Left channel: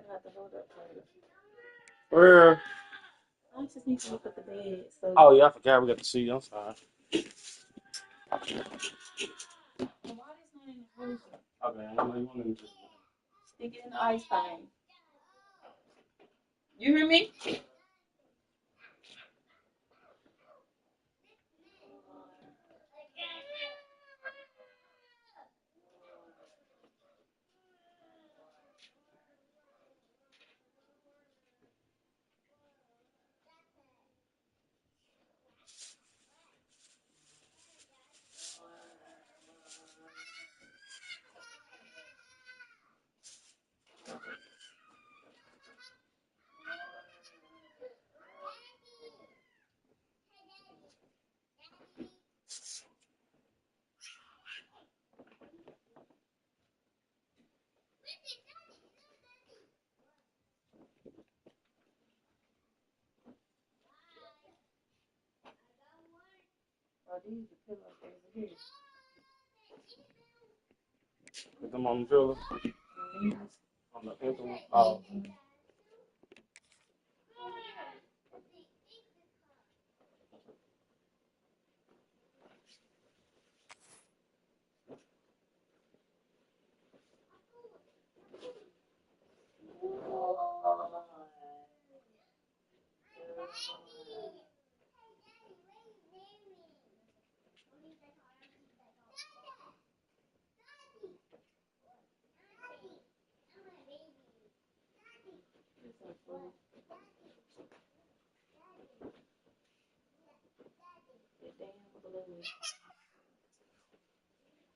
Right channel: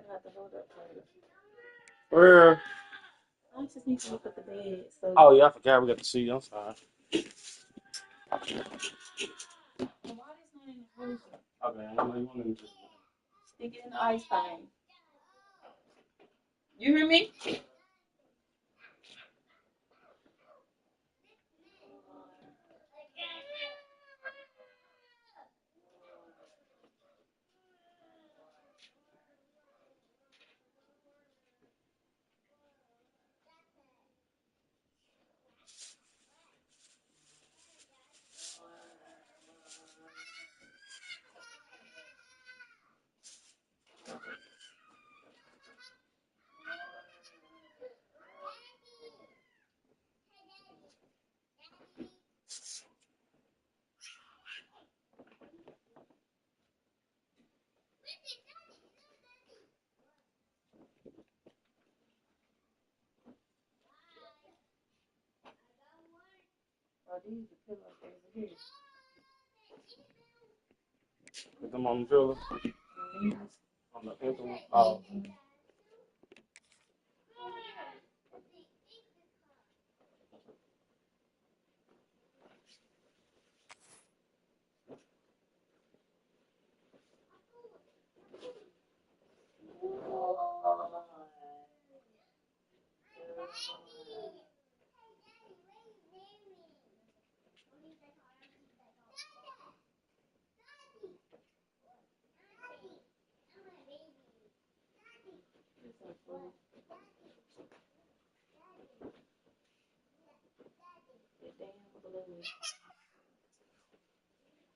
gonna have to hold up for you. Where? I just need to look at the bed. So Oh yeah, I forgot we got the seat. I'm sorry. why is not in the frozen? Okay, I know you want to just. Stick it in the ice thing. You hear me? Oh, these are pillows over here. Put them on the pillow. These. On the empty one. Oh.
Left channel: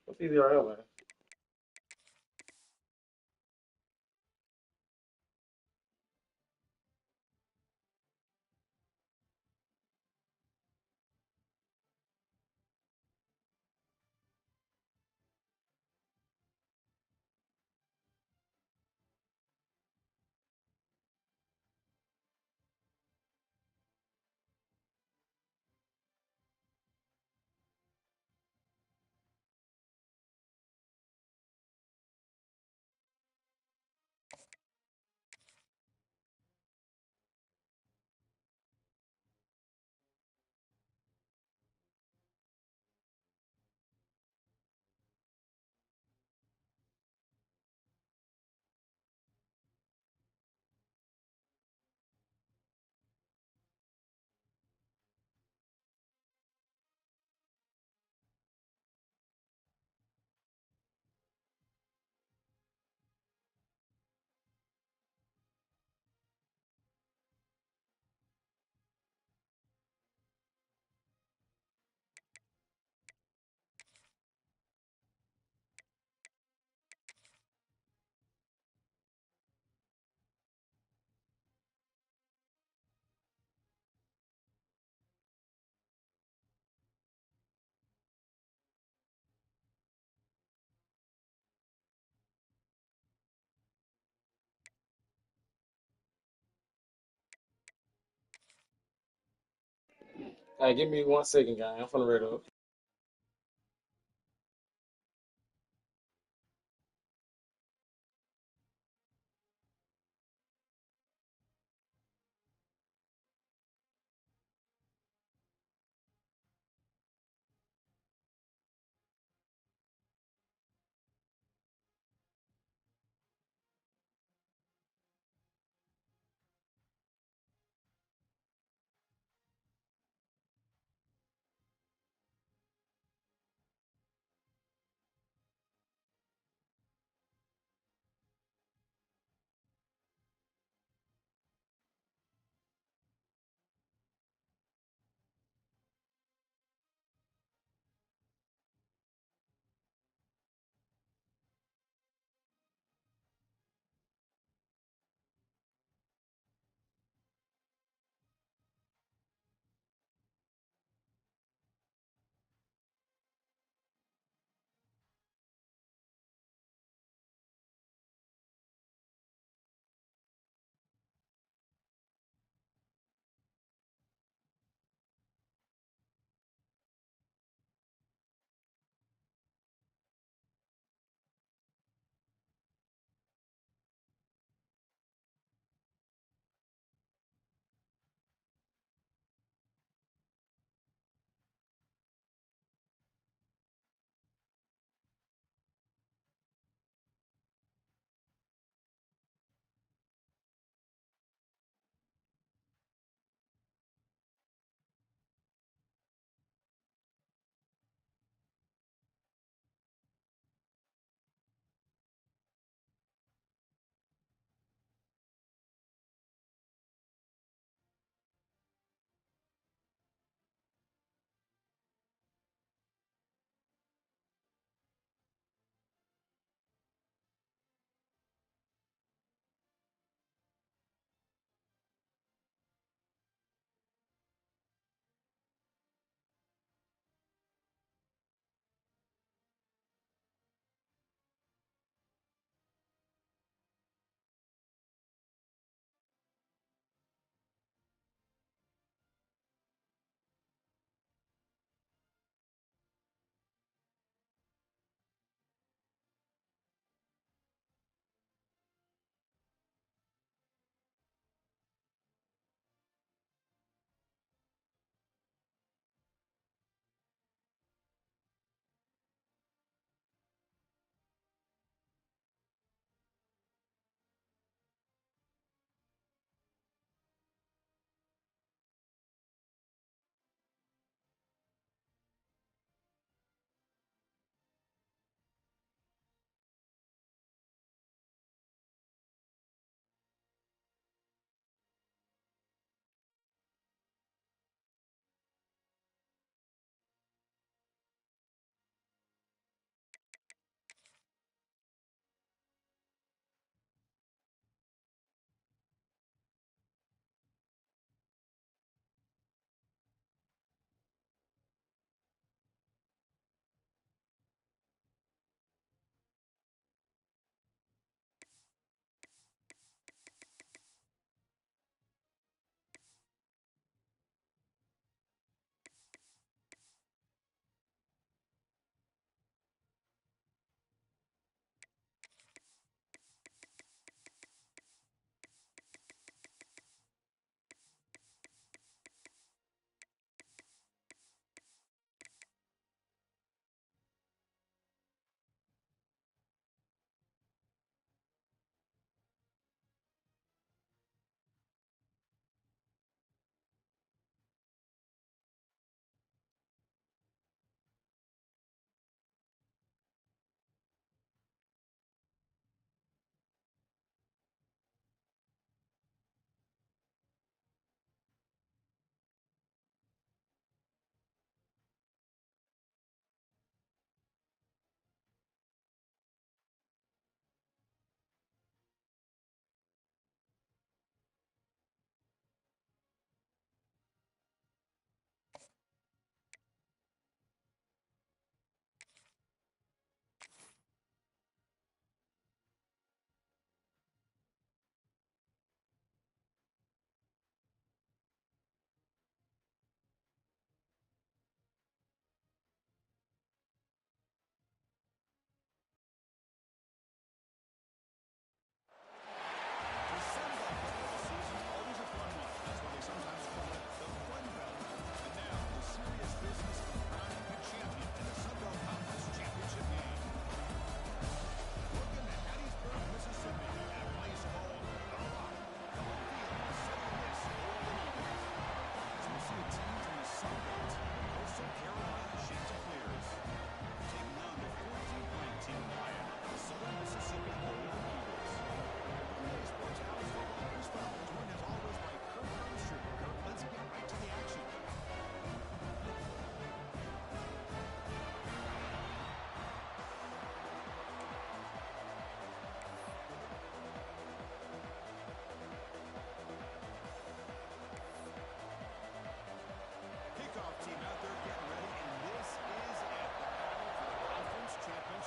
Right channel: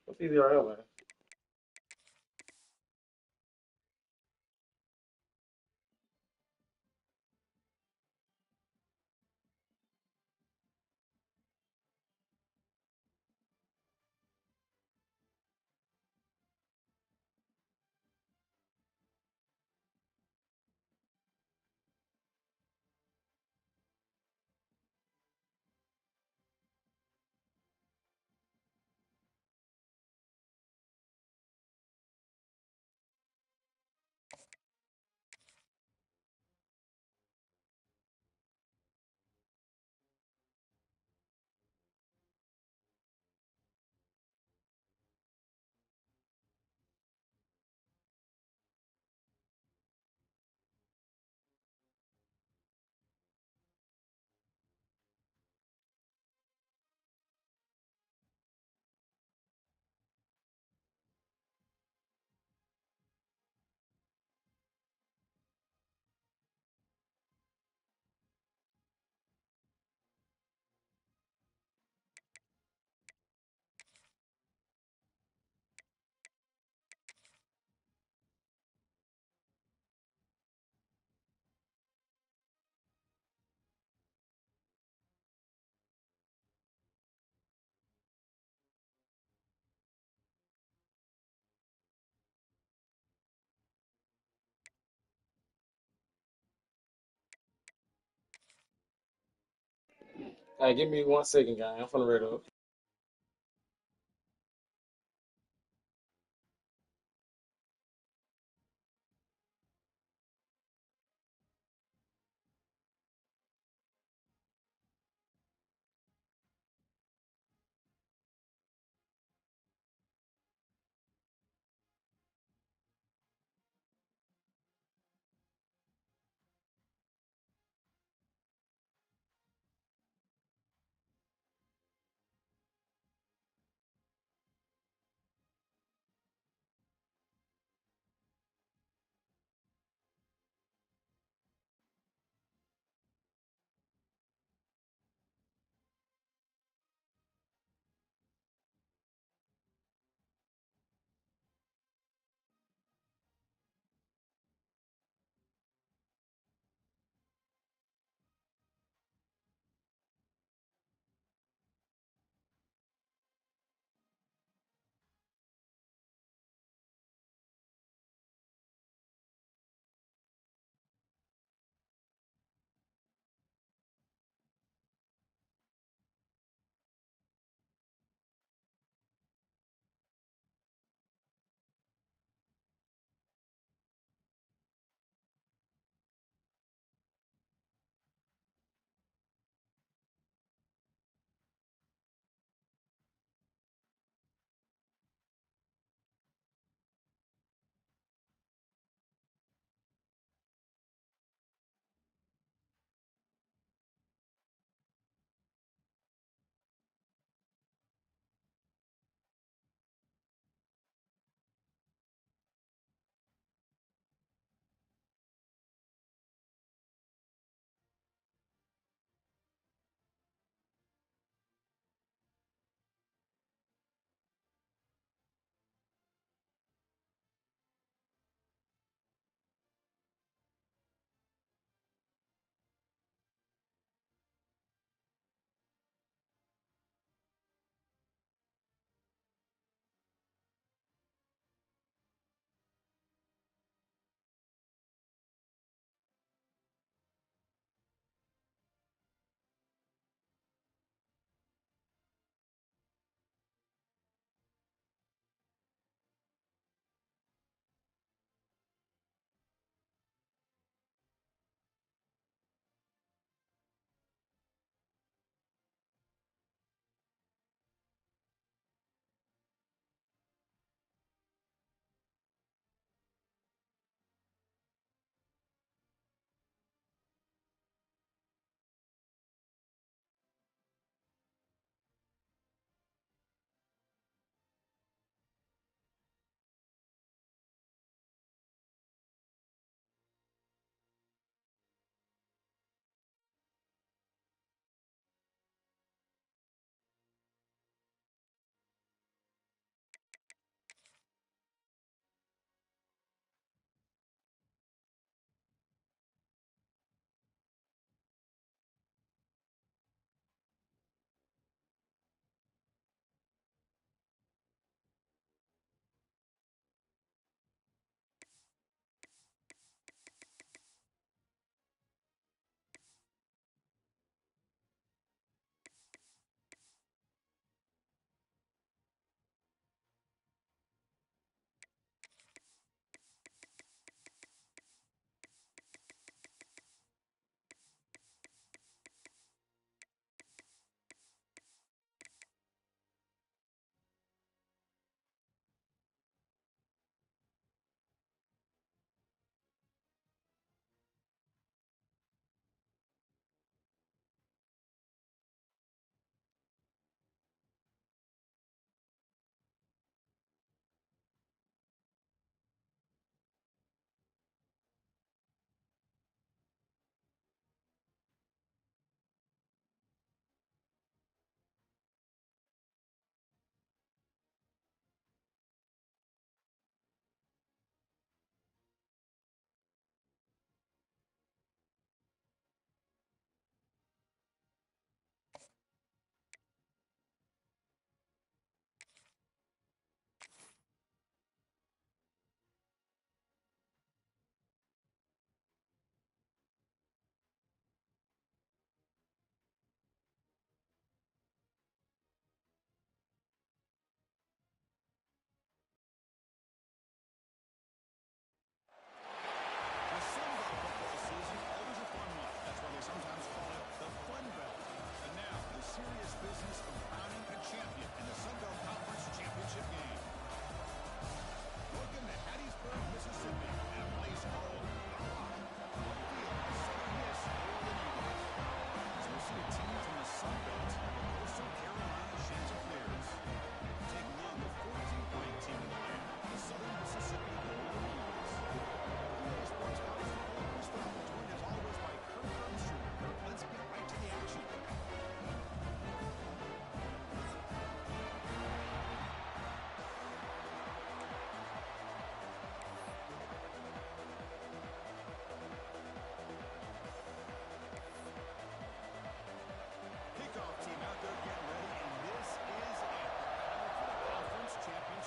What's easier, man? Hey, give me 1 second, guy. I'm finna read up.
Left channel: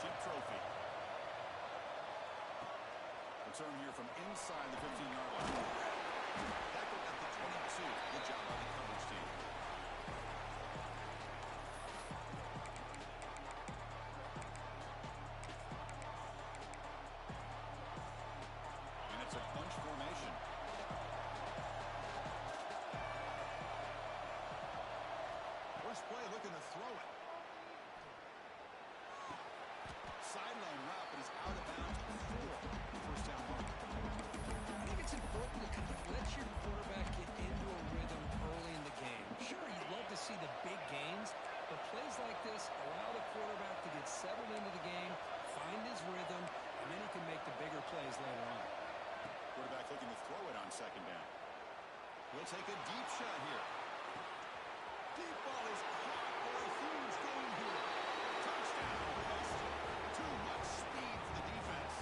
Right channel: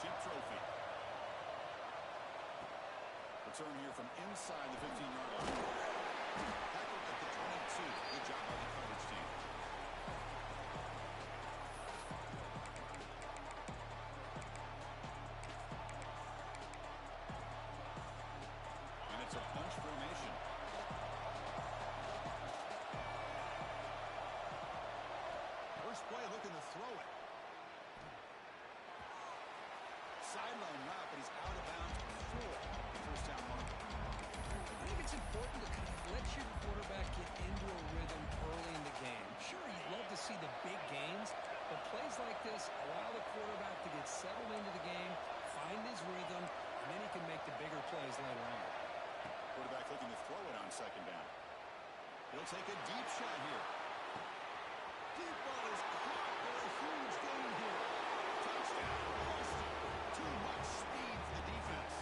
championship trophy. Return here from inside the 15-yard line. Tackled at the 22. Good job by the coverage team. And it's a bunch formation. First play looking to throw it. Sideline route, but he's out of bounds before the first down marker. I think it's important to kind of let your quarterback get into a rhythm early in the game. Sure, you'd love to see the big gains, but plays like this allow the quarterback to get settled into the game, find his rhythm, and then he can make the bigger plays later on. Quarterback looking to throw it on second down. He'll take a deep shot here. Deep ball is caught for a huge gain here. Touchdown, Boston. Too much speed for the defense.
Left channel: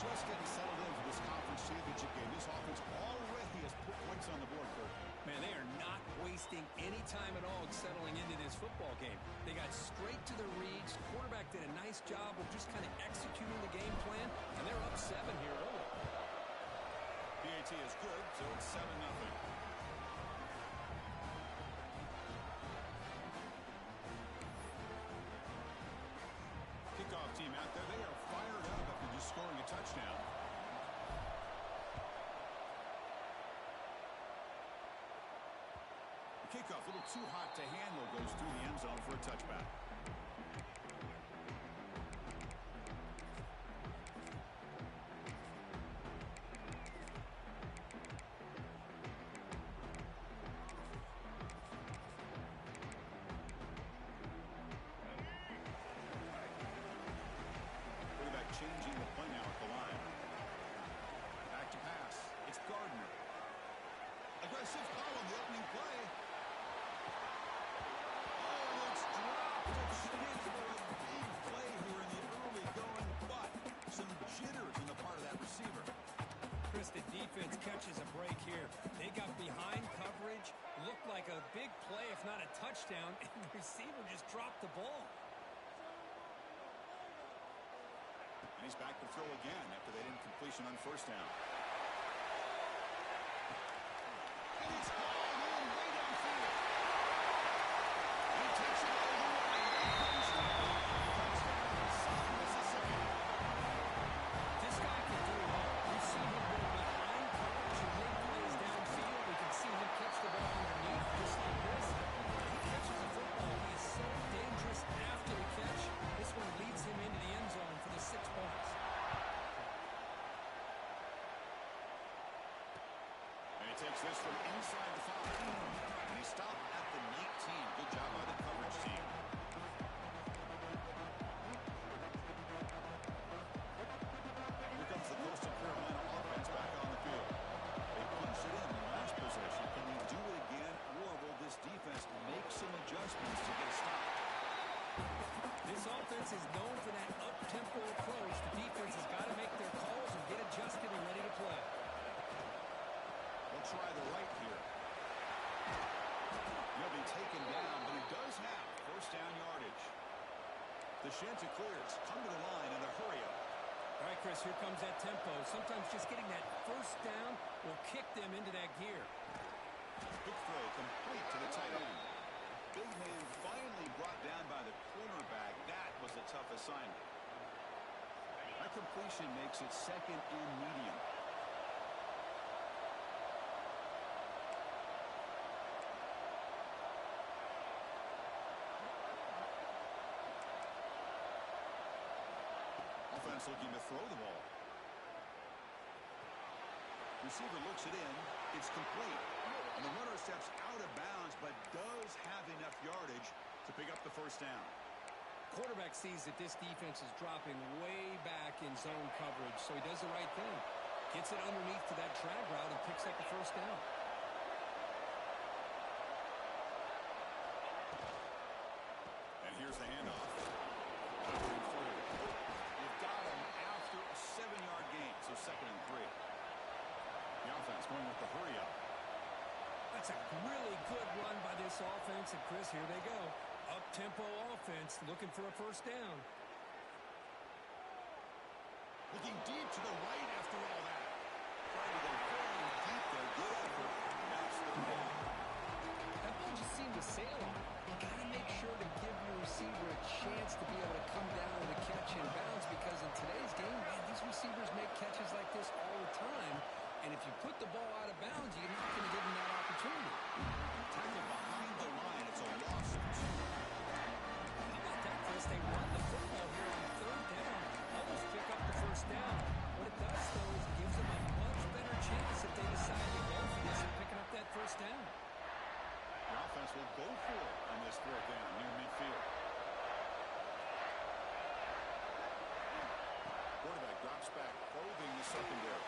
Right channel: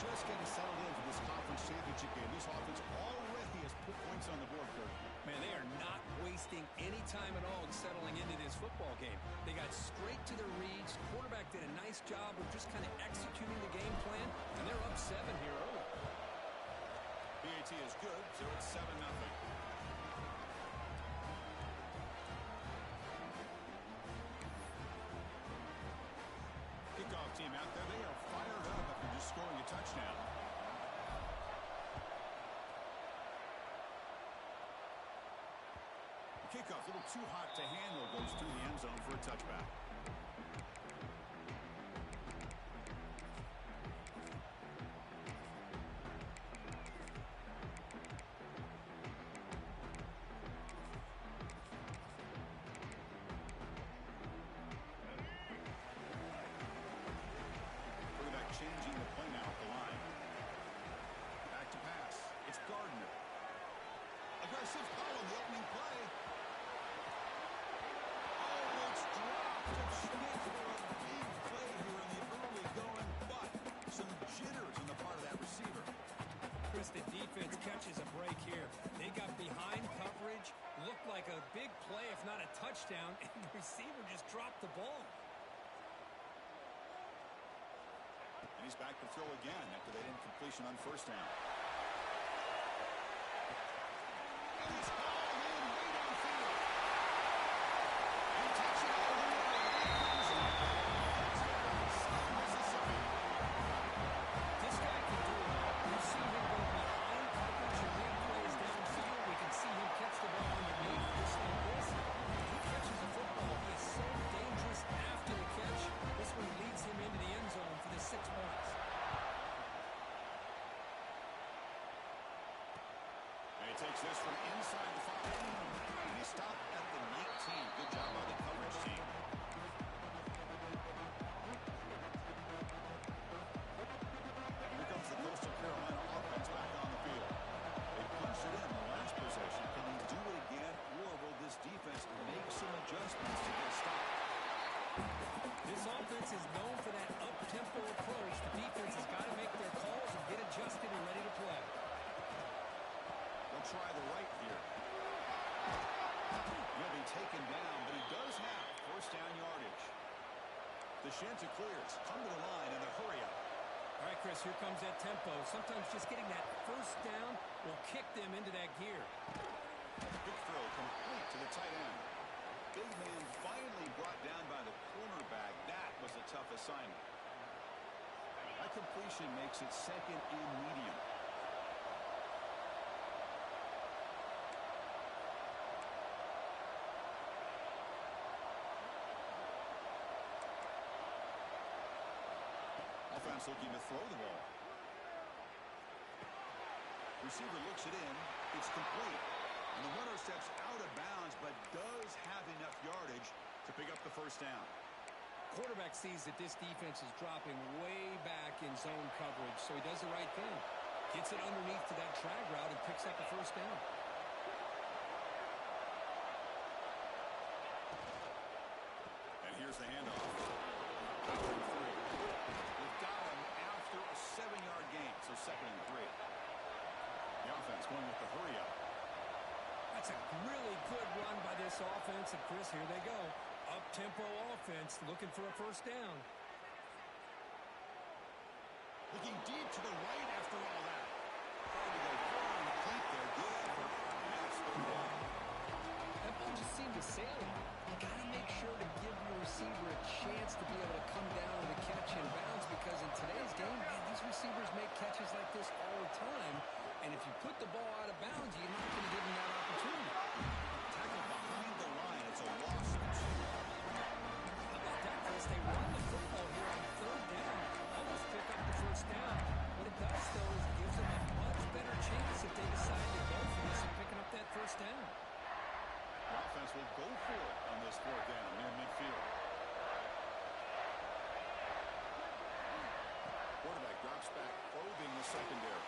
Just getting settled in for this conference championship game. This offense already has put points on the board, Kirk. Man, they are not wasting any time at all settling into this football game. They got straight to their reads. Quarterback did a nice job of just kind of executing the game plan, and they're up 7 here early. PAT is good, so it's 7-0. Kickoff team out there. They are fired up after just scoring a touchdown. The kickoff, a little too hot to handle, goes through the end zone for a touchback. Changing the play now at the line. Back to pass. It's Gardner. Aggressive call on the opening play. Oh, and it's dropped. A chance for a big play here in the early going, but some jitters on the part of that receiver. Chris, the defense catches a break here. They got behind coverage, looked like a big play, if not a touchdown, and the receiver just dropped the ball. And he's back to throw again after that incompletion on first down. And it's hauled in way downfield. And he takes it all the way. They couldn't stop it. Touchdown, South Mississippi. This guy can do it all. We've seen him go behind coverage and make plays downfield. We can see him catch the ball underneath just like this. He catches a football. He is so dangerous after the catch. This one leads him into the end zone for the 6 points. And he takes this from inside the 5. And he stopped at the 19. Good job by the coverage team. Here comes the Coastal Carolina offense back on the field. They punched it in the last possession. Can they do it again, or will this defense make some adjustments to get a stop? This offense is known for that up-tempo approach. The defense has got to make their calls and get adjusted and ready to play. They'll try the right here. He'll be taken down, but he does have first down yardage. The Chanticleers come to the line in the hurry up. All right, Chris, here comes that tempo. Sometimes just getting that first down will kick them into that gear. Big throw complete to the tight end. Big man finally brought down by the cornerback. That was a tough assignment. That completion makes it second and medium. Offense looking to throw the ball. Receiver looks it in. It's complete. And the runner steps out of bounds, but does have enough yardage to pick up the first down. Quarterback sees that this defense is dropping way back in zone coverage, so he does the right thing. Gets it underneath to that drag route and picks up the first down. And here's the handoff. Powering through. They've got him after a 7-yard gain, so 2nd and 3. The offense going with the hurry up. That's a really good run by this offense, and Chris, here they go. Up-tempo offense looking for a first down. Looking deep to the right after all that. Trying to go very deep there. Good effort. Now it's third down. That ball just seemed to sail on it. You got to make sure to give your receiver a chance to be able to come down with a catch in bounds, because in today's game, man, these receivers make catches like this all the time. And if you put the ball out of bounds, you're not going to give them that opportunity. Tackle behind the line. It's a loss of 2. How about that, Chris? They run the football here on third down, almost pick up the first down. What it does, though, is it gives them a much better chance if they decide to go for this and picking up that first down. The offense will go for it on this fourth down near midfield. Quarterback drops back, probing the secondary.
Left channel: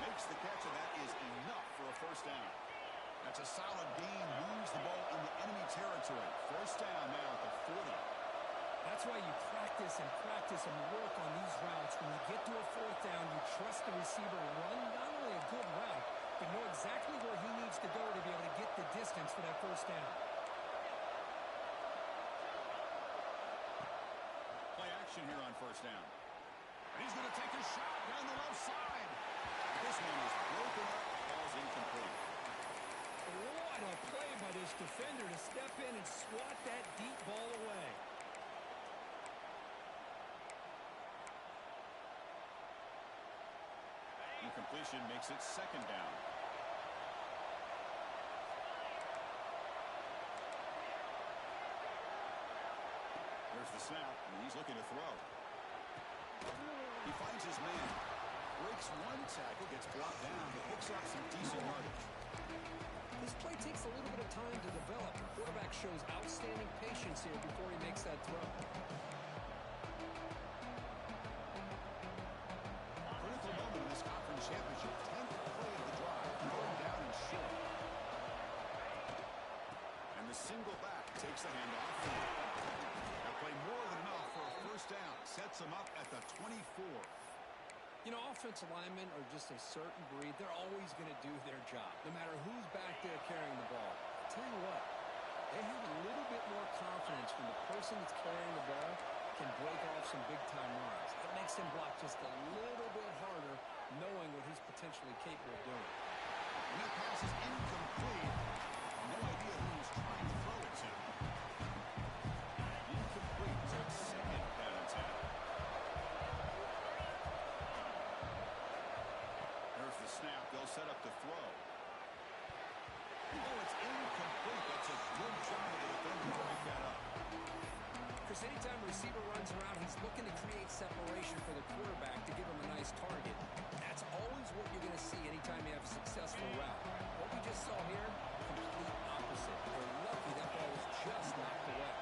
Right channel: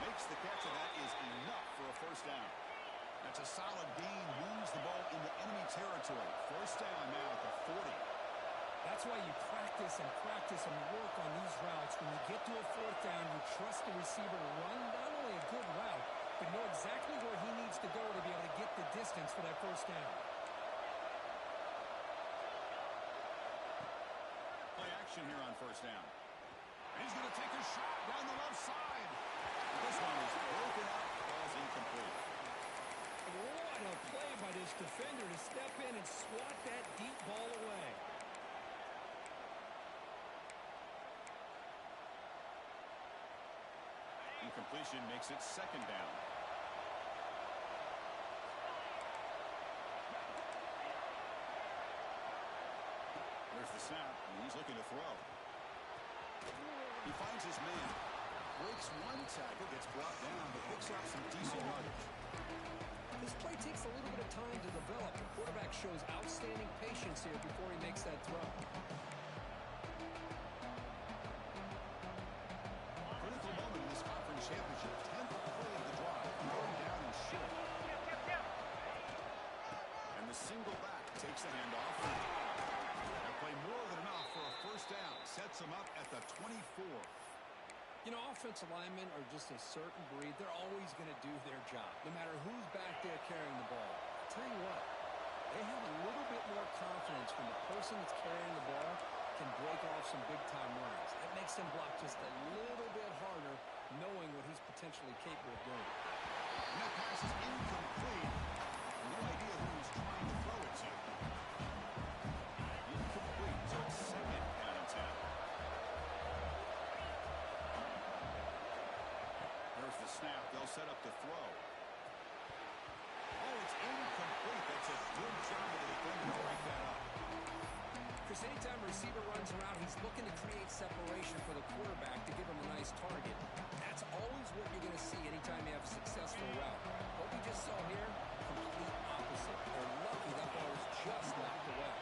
Makes the catch, and that is enough for a first down. That's a solid gain. Moves the ball into enemy territory. First down now at the 40. That's why you practice and work on these routes. When you get to a fourth down, you trust the receiver to run not only a good route, but know exactly where he needs to go to be able to get the distance for that first down. Play action here on first down. And he's going to take a shot down the left side. This one is broken up. Ball's incomplete. What a play by this defender to step in and swat that deep ball away. Incompletion makes it second down. There's the snap, and he's looking to throw. He finds his man. Breaks one tackle, gets brought down, but picks up some decent yardage. This play takes a little bit of time to develop. The quarterback shows outstanding patience here before he makes that throw. Critical moment in this conference championship. 10th play of the drive. Going down and short. And the single back takes the handoff. That play more than enough for a first down. Sets him up at the 24. You know, offensive linemen are just a certain breed. They're always going to do their job, no matter who's back there carrying the ball. I'll tell you what, they have a little bit more confidence when the person that's carrying the ball can break off some big-time runs. It makes them block just a little bit harder, knowing what he's potentially capable of doing. And that pass is incomplete. No idea who he's trying to throw it to. Incomplete, so it's second down and 10. There's the snap. They'll set up to throw. Oh, it's incomplete. That's a good job of the defender to break that up. Chris, anytime a receiver runs around, he's looking to create separation for the quarterback to give him a nice target. That's always what you're going to see anytime you have a successful route. What we just saw here, complete opposite. They're lucky that ball was just knocked away.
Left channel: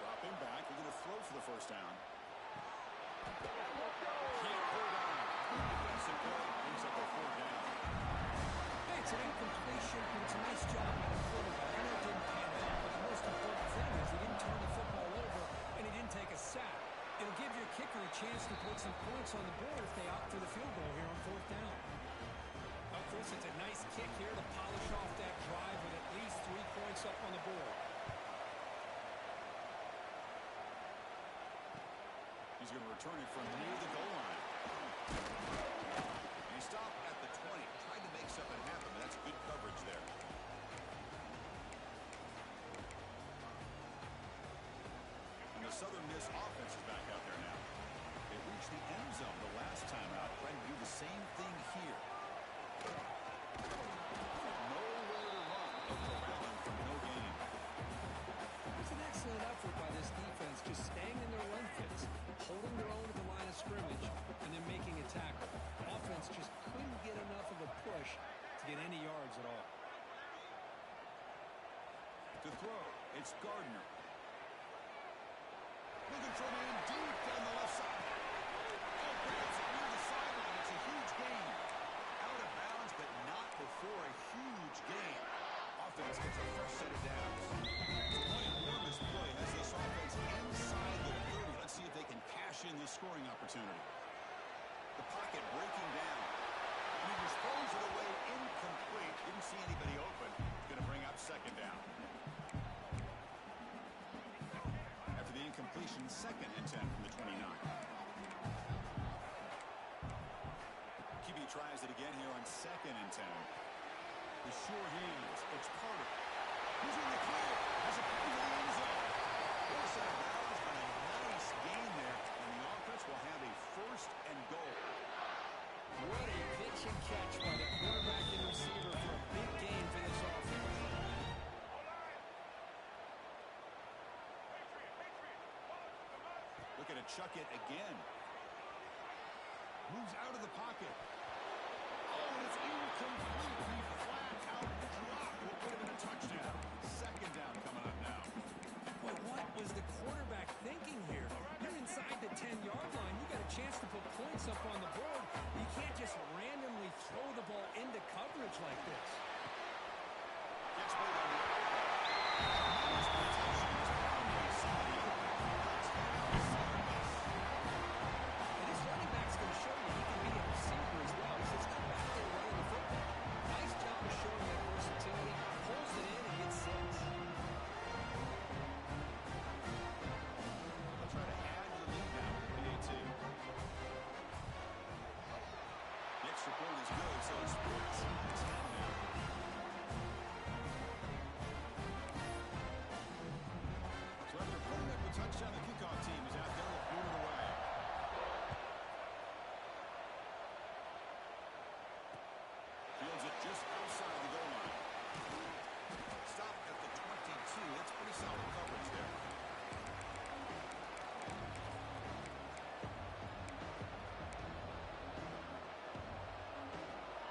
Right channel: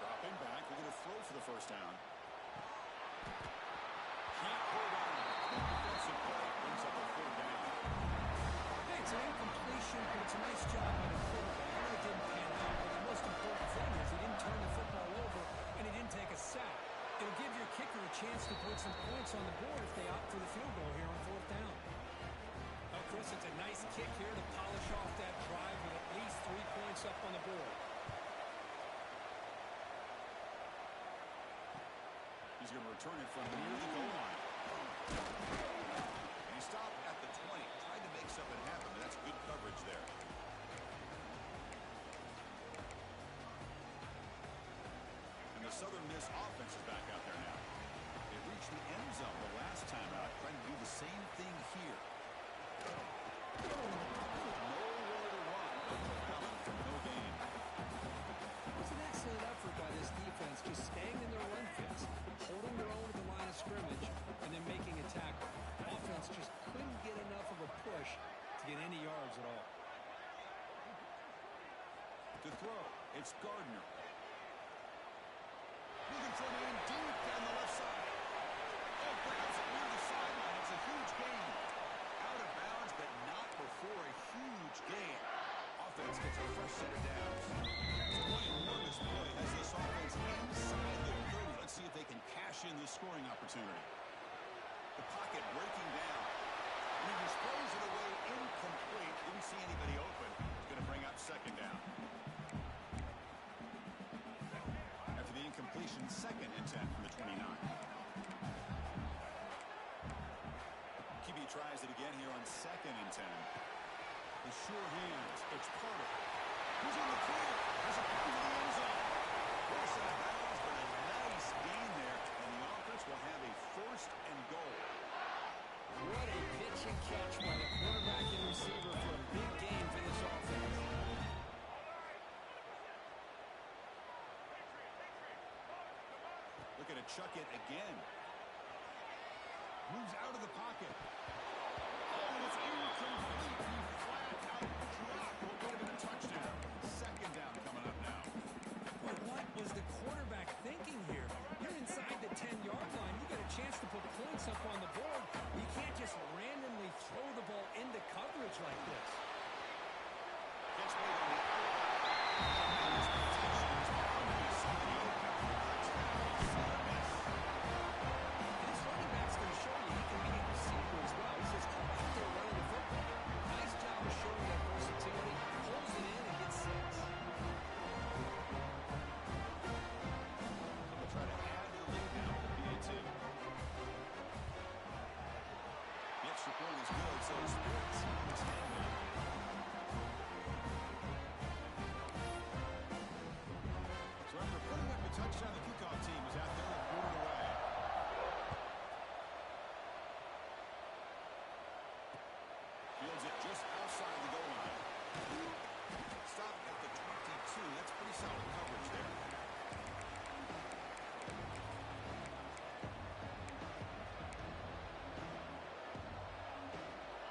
Dropping back. They're going to throw for the first down. Can't hold on. Good defensive play. Brings up a fourth down. Hey, it's an incompletion, but it's a nice job by the quarterback. I know it didn't pan out, but the most important thing is he didn't turn the football over and he didn't take a sack. It'll give your kicker a chance to put some points on the board if they opt for the field goal here on fourth down. Well, Chris, it's a nice kick here to polish off that drive with at least 3 points up on the board. He's going to return it from near the goal line. And he stopped at the 20. Tried to make something happen, but that's good coverage there. And the Southern Miss offense is back out there now. They reached the end zone the last time out, trying to do the same thing here. Nowhere to run. No corralling for no gain. It was an excellent effort by this defense, just staying in their run fits, holding their own at the line of scrimmage, and then making a tackle. Offense just couldn't get enough of a push to get any yards at all. To throw, it's Gardner. Looking for a man deep down the left side. Oh, grabs it near the sideline. It's a huge gain. Out of bounds, but not before a huge gain. Offense gets a fresh set of downs. One enormous play has this offense inside the 30. Let's see if they can cash in this scoring opportunity. The pocket breaking down. And he just throws it away incomplete. Didn't see anybody open. It's going to bring up second down. After the the incompletion, 2nd and 10 from the 29. QB tries it again here on 2nd and 10. The sure hands. It's Carter. He's in the clear. Has a pass to the end zone. Force out of bounds, but a nice gain there. And the offense will have a 1st and goal. What a pitch and catch by the quarterback and receiver for a big gain for this offense. Looking to chuck it again. Moves out of the pocket. Oh, and it's incomplete. He flat out dropped what would have been a touchdown. 2nd down coming up now. Well, what was the quarterback thinking here? You're inside the 10-yard line. You got a chance to put points up on the board. You can't just randomly throw the ball into coverage like this. Gets played on the outlet. Tremendous protection. Is bound to be somebody open. Touchdown, Southern Miss. And this running back's going to show you he can be a receiver as well. He's just not back there running the football. Nice job of showing that versatility. Pulls it in and gets 6. They'll try to add to the lead now with the PAT. The extra point is good, so it's 14-10 now. So after putting up a touchdown, the kickoff team is out there to boot it away. Fields it just outside the goal line. Stop at the 22. That's pretty solid coverage there.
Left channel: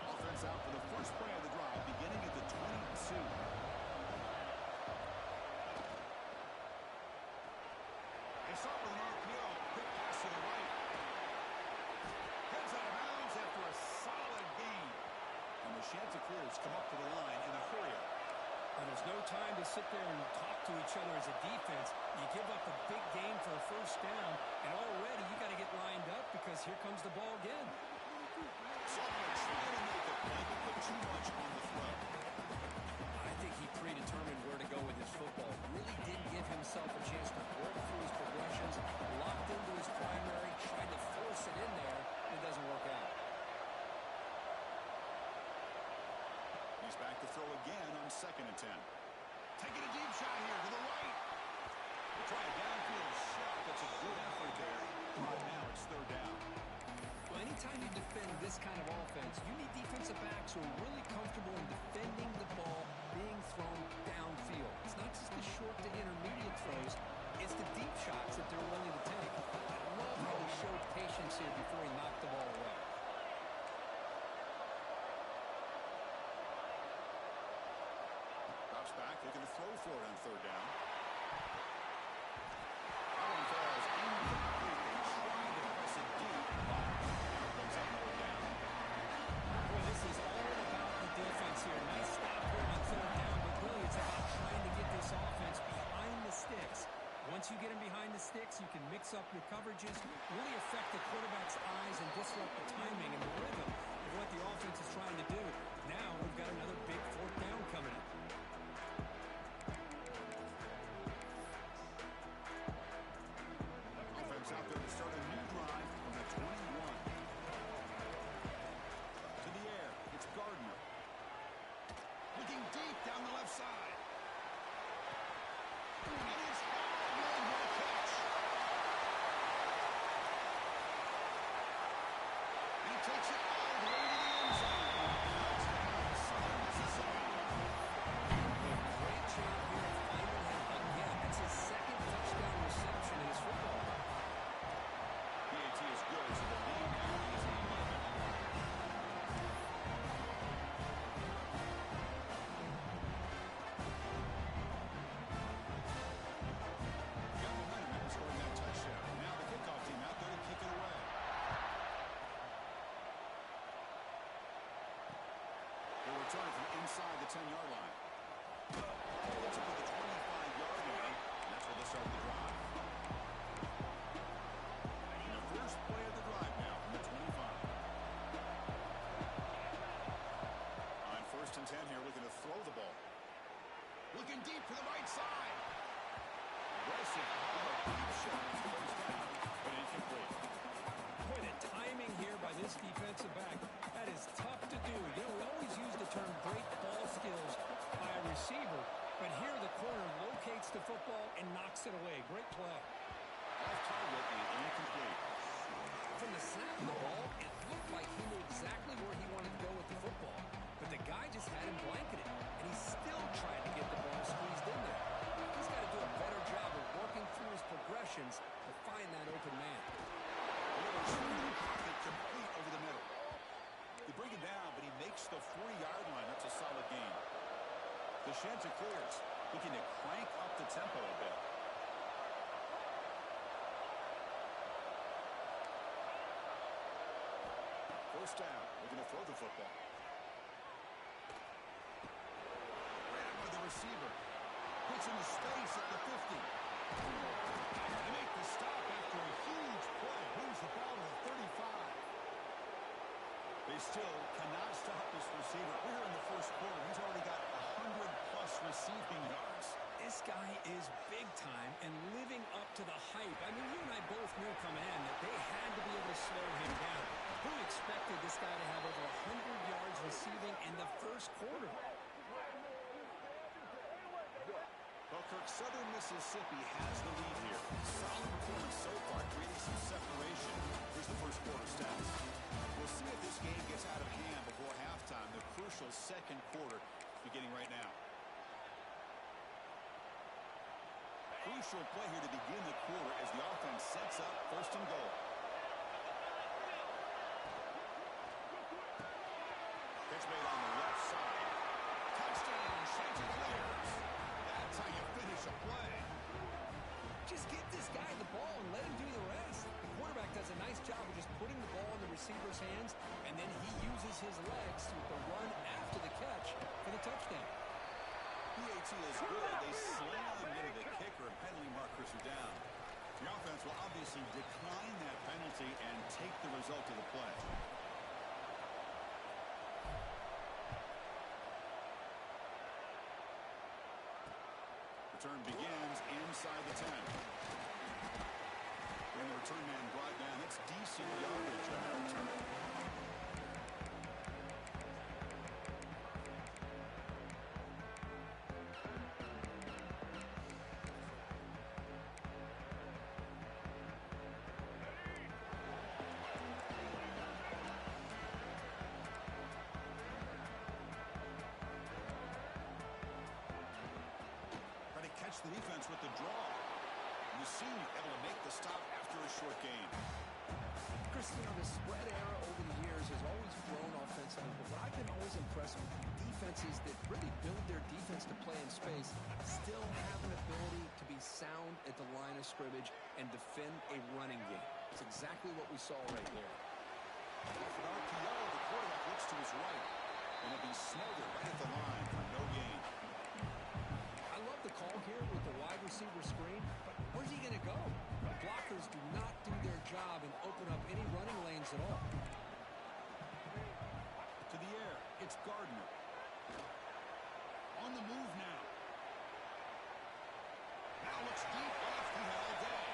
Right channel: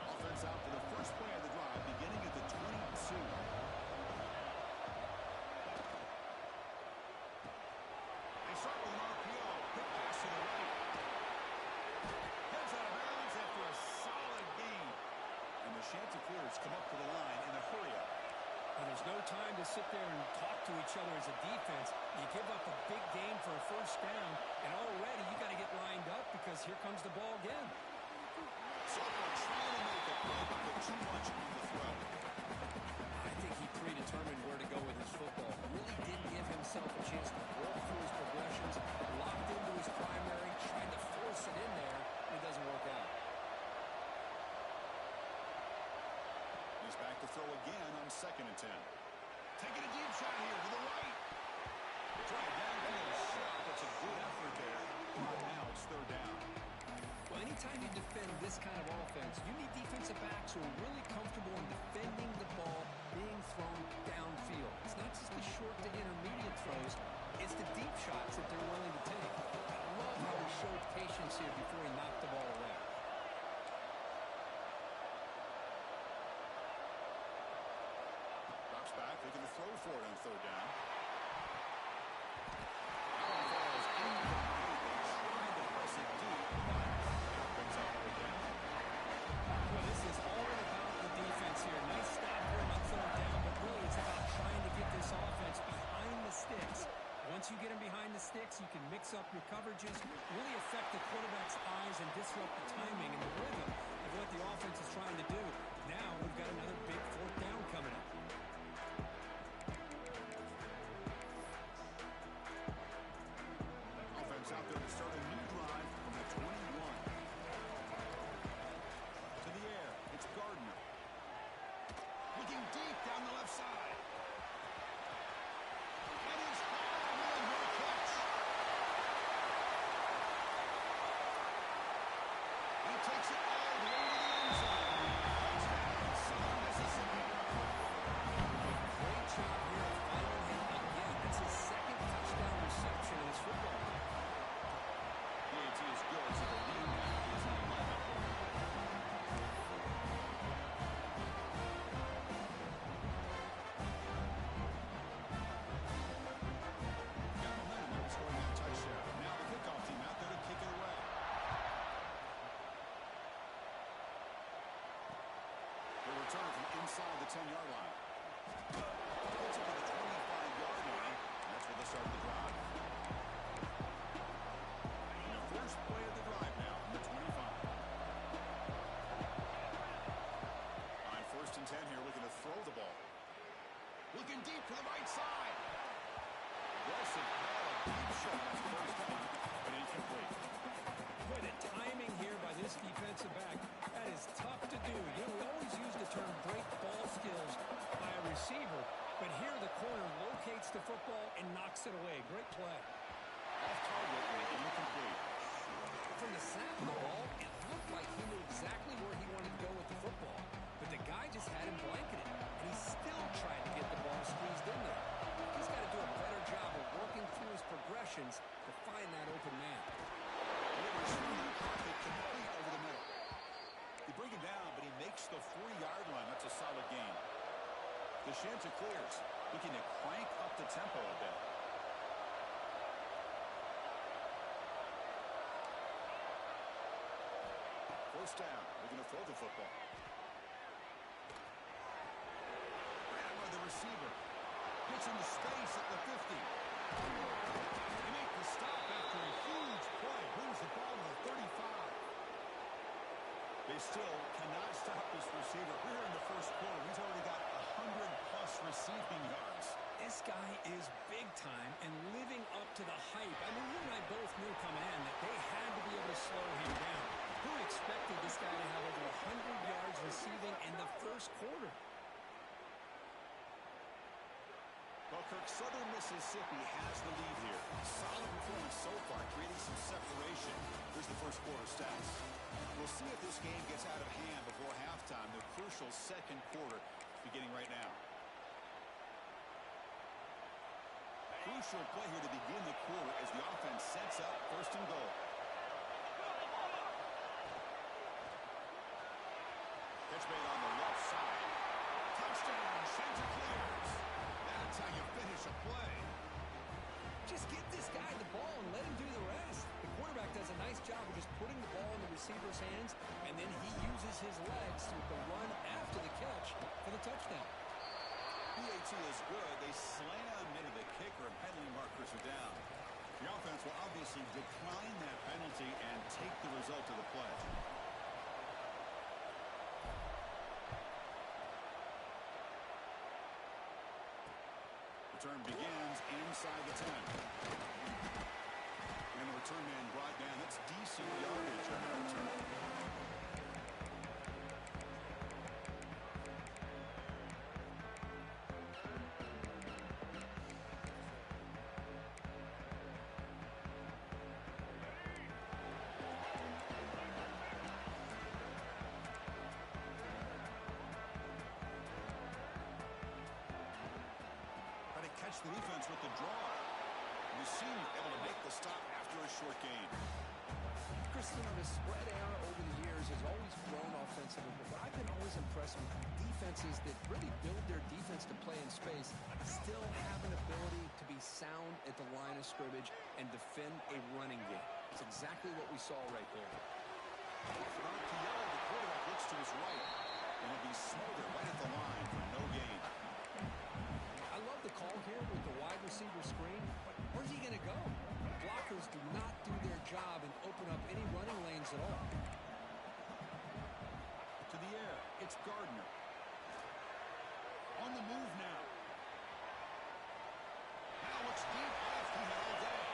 Offense out for the first play of the drive, beginning at the 22. They start with an RPO. Quick pass to the right. Heads out of bounds after a solid gain. And the Chanticleers come up to the line in a hurry-up. And there's no time to sit there and talk to each other as a defense. You give up a big gain for a 1st down, and already you got to get lined up because here comes the ball again. Sophomore trying to make a play, but put too much on the throw. I think he predetermined where to go with his football. Really didn't give himself a chance to work through his progressions, locked into his primary, tried to force it in there, and it doesn't work out. He's back to throw again on 2nd and 10. Taking a deep shot here to the right. They try a downfield shot. That's a good effort there. But now it's 3rd down. Well, anytime you defend this kind of offense, you need defensive backs who are really comfortable in defending the ball being thrown downfield. It's not just the short to intermediate throws. It's the deep shots that they're willing to take. I love how he showed patience here before he knocked the ball away. Drops back, looking to throw for it on 3rd down. That one falls incomplete. They tried to press it deep, but now it brings up more down. Boy, this is all about the defense here. Nice stop here on 3rd down, but really it's about trying to get this offense behind the sticks. Once you get them behind the sticks, you can mix up your coverages, really affect the quarterback's eyes and disrupt the timing and the rhythm of what the offense is trying to do. Now we've got another big 4th down coming up. Offense out there to start a new drive from the 21. To the air, it's Gardner. Looking deep down the left side. And it's Hallman. What a catch. He takes it all the way to the end zone. Touchdown, Southern Mississippi. A great job here of finding him again. That's his 2nd touchdown reception in his football. PAT is good, so the lead now is 11. Got momentum after scoring that touchdown. Now the kickoff team out there to kick it away. They'll return it from inside the 10-yard line. Gets it to the 25-yard line, and that's where they'll start the drive. The first play of the drive now from the 25. On 1st and 10 here, looking to throw the ball. Looking deep to the right side. aggressive call, a deep shot. It's first down, but incomplete. Boy, the timing here by this defensive back, that is tough to do. You know, we always use the term great ball skills by a receiver, but here the corner locates the football and knocks it away. Great play. Off target and incomplete. From the snap of the ball, it looked like he knew exactly where he wanted to go with the football, but the guy just had him blanketed, and he still tried to get the ball squeezed in there. He's got to do a better job of working through his progressions to find that open man. Delivers through the pocket, complete over the middle. They bring him down, but he makes the 40-yard line. That's a solid gain. The Chanticleers looking to crank up the tempo a bit. First down. We're going to throw the football. Ran by the receiver. Gets into space at the 50. They make the stop after a huge play. Moves the ball to the 35. They still cannot stop this receiver. We're here in the first quarter. He's already got 100-plus receiving yards. This guy is big time and living up to the hype. I mean, you and I both knew coming in that they had to be able to slow him down. Who expected this guy to have over 100 yards receiving in the first quarter? Well, Kirk, Southern Mississippi has the lead here. Solid performance so far, creating some separation. Here's the first quarter stats. We'll see if this game gets out of hand before halftime. The crucial second quarter beginning right now. Crucial play here to begin the quarter as the offense sets up first and goal. Catch made on the left side. Touchdown, Chanticleers. That's how you finish a play. Just get this guy the ball and let him do the rest. The quarterback does a nice job of just putting the ball in the receiver's hands, and then he uses his legs with the run after the catch for the touchdown. PAT is good. They slammed into the kicker, and penalty markers are down. The offense will obviously decline that penalty and take the result of the play. Return begins inside the 10. And the return man brought down. That's decent yardage on that return. Catch the defense with the draw. And the senior able to make the stop after a short gain. Chris, you know, the spread era over the years has always grown offensively, but what I've been always impressed with defenses that really build their defense to play in space still have an ability to be sound at the line of scrimmage and defend a running game. It's exactly what we saw right there. Off an RPO, the quarterback looks to his right, and it'll be smothered right at the line for no gain. I love the call here with the wide receiver screen, but where's he going to go? The blockers do not do their job and open up any running lanes at all. To the air, it's Gardner. On the move now. Now looks deep left. He had all day.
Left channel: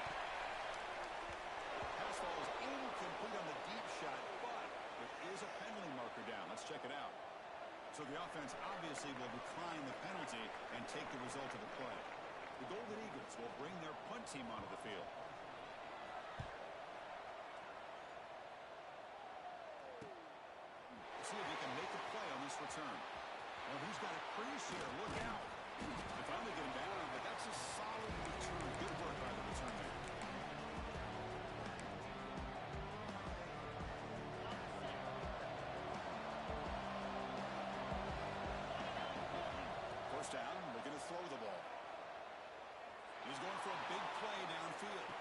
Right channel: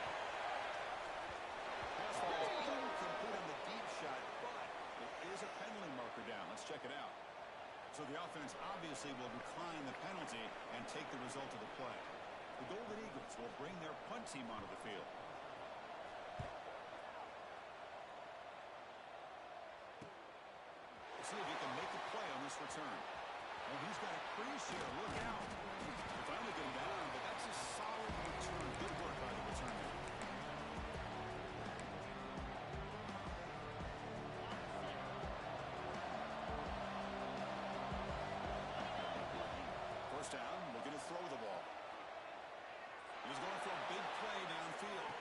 Pass falls incomplete on the deep shot, but there is a penalty marker down. Let's check it out. So the offense obviously will decline the penalty and take the result of the play. The Golden Eagles will bring their punt team onto the field. Let's see if he can make a play on this return. Oh, he's got a crease here. Look out. They finally get him down, but that's a solid return. Good work by the return man. First down, we're going to throw the ball. He's going for a big play downfield.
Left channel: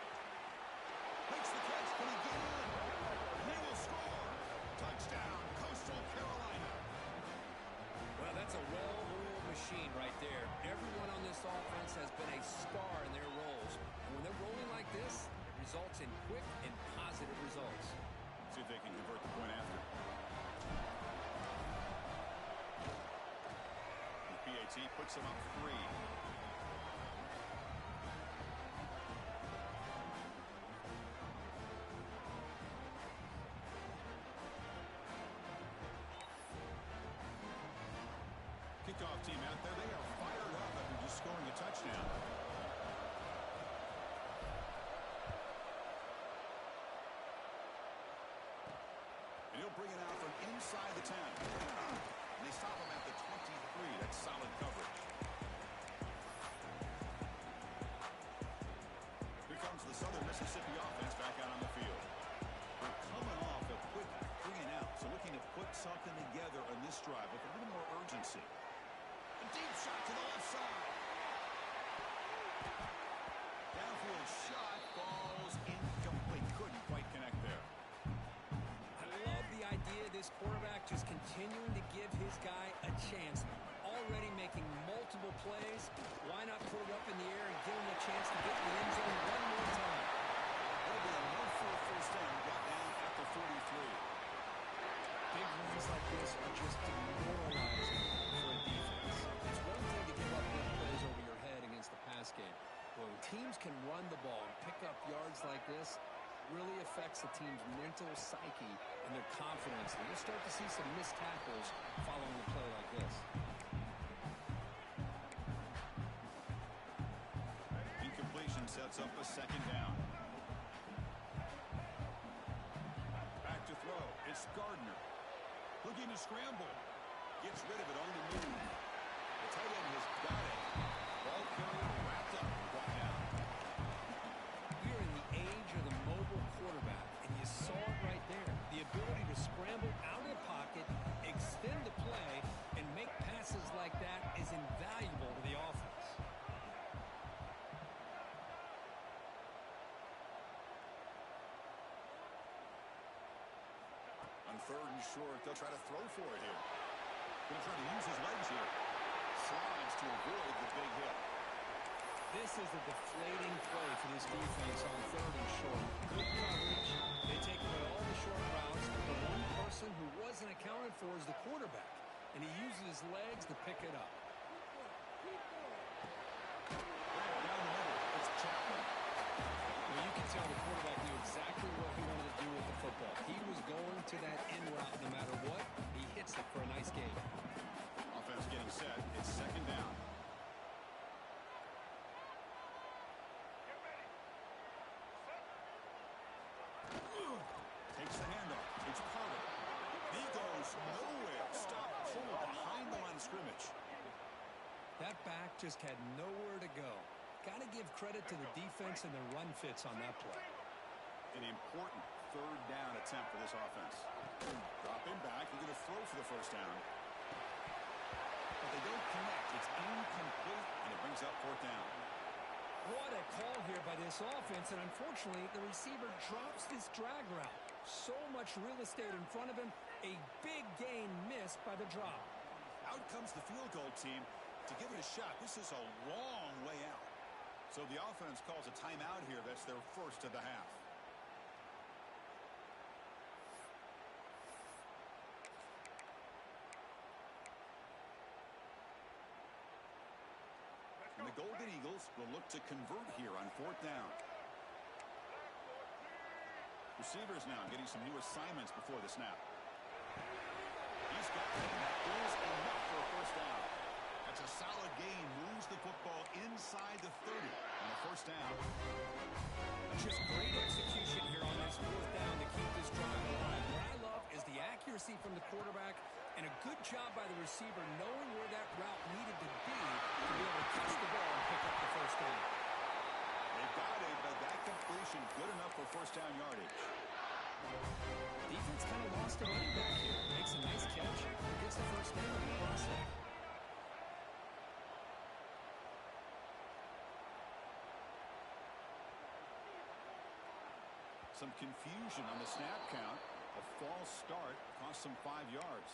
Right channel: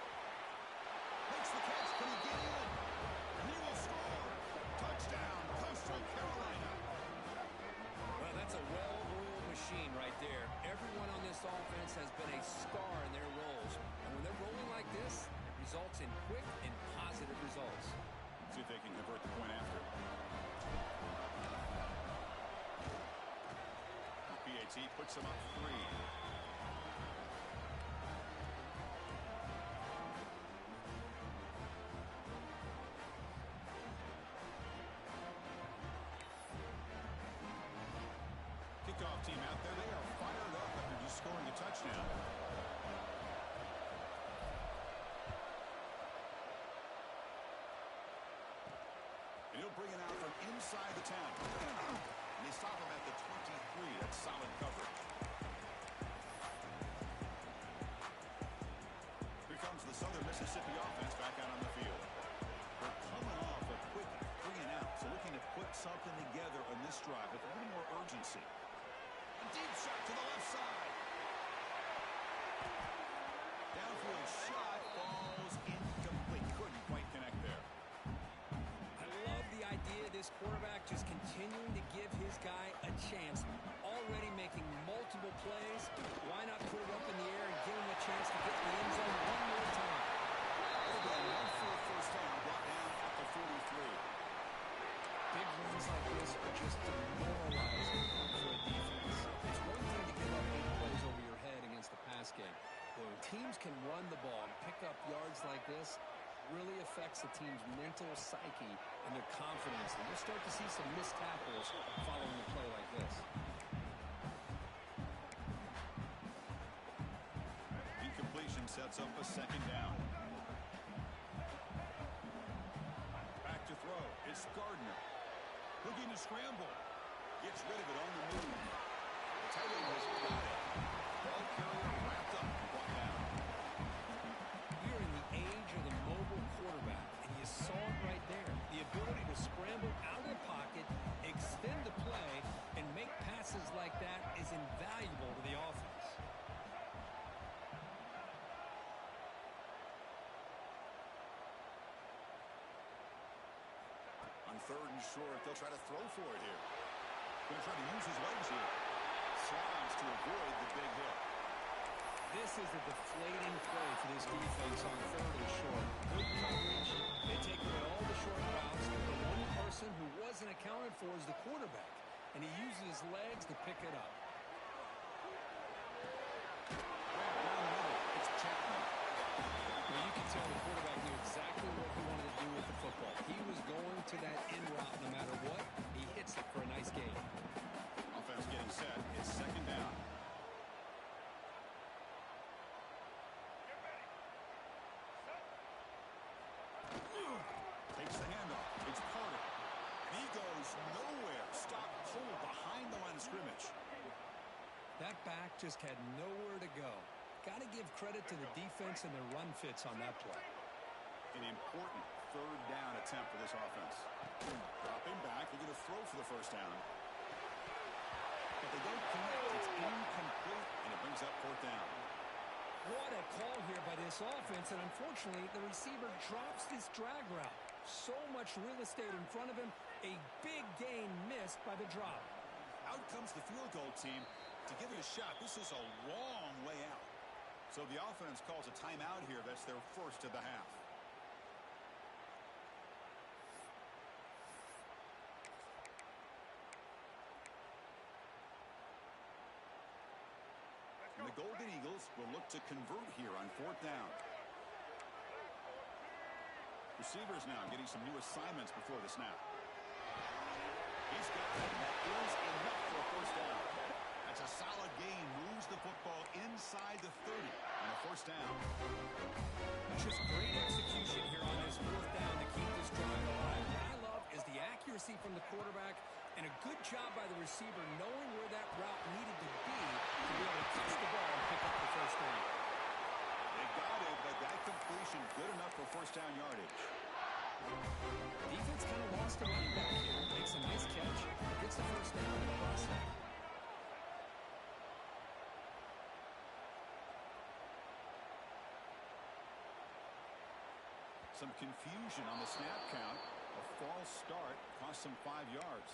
Makes the catch. Can he get in? And he will score. Touchdown, Coastal Carolina. Well, that's a well-oiled machine right there. Everyone on this offense has been a star in their roles. And when they're rolling like this, it results in quick and positive results. See if they can convert the point after. The PAT puts them up 3. kickoff team out there. They are fired up after just scoring a touchdown. And he'll bring it out from inside the 10. And they stop him at the 23. That's solid coverage. Here comes the Southern Mississippi offense back out on the field. They're coming off a quick 3 and out, so looking to put something together on this drive with a little more urgency. A deep shot to the left side. Downfield shot falls incomplete. Couldn't quite connect there. I love the idea of this quarterback just continuing to give his guy a chance. Already making multiple plays. Why not put it up in the air and give him a chance to get in the end zone one more time? It'll be enough for a first down, brought down at the 43. Big runs like this are just demoralizing for a defense. It's one thing to give up big plays over your head against the pass game. When teams can run the ball and pick up yards like this, really affects the team's mental psyche and their confidence. And you'll start to see some missed tackles following a play like this. Incompletion sets up a second down. Back to throw. It's Gardner. Looking to scramble. Gets rid of it on the move. The tight end has got it. Ball carrier wrapped up and brought down. We are in the age of the mobile quarterback, and you saw it right there. The ability to scramble out of the pocket, extend the play, and make passes like that is invaluable to the offense. On 3rd and short, they'll try to throw for it here. Going to try to use his legs here. Slides to avoid the big hit. This is a deflating play for this defense on 3rd and short. Good coverage. They take away all the short routes, but the one person who wasn't accounted for is the quarterback, and he uses his legs to pick it up. Right down the middle, it's Chapman. Well, you can tell the quarterback knew exactly what he wanted to do with the football. He was going to that in route no matter what. He hits it for a nice gain. Offense getting set. It's second down. Takes the handoff. It's Carter. And he goes nowhere. Stop pulled behind the line of scrimmage. That back just had nowhere to go. Got to give credit to the defense and their run fits on that play. An important 3rd down attempt for this offense. Dropping back. They're going to throw for the first down. But they don't connect. It's incomplete, and it brings up 4th down. What a call here by this offense, and unfortunately, the receiver drops this drag route. So much real estate in front of him. A big gain missed by the drop. Out comes the field goal team to give it a shot. This is a long way out. So the offense calls a timeout here. That's their first of the half. And the Golden Eagles will look to convert here on 4th down. Receivers now getting some new assignments before the snap. He's got it, and that is enough for a first down. That's a solid gain. Moves the football inside the 30 on a first down. Just great execution here on this 4th down to keep this drive alive. What I love is the accuracy from the quarterback and a good job by the receiver knowing where that route needed to be able to catch the ball and pick up the first down. They've got it, but that completion good enough for first down yardage. Defense kind of lost a running back here. Makes a nice catch, gets the first down in the process. Some confusion on the snap count. A false start cost them 5 yards.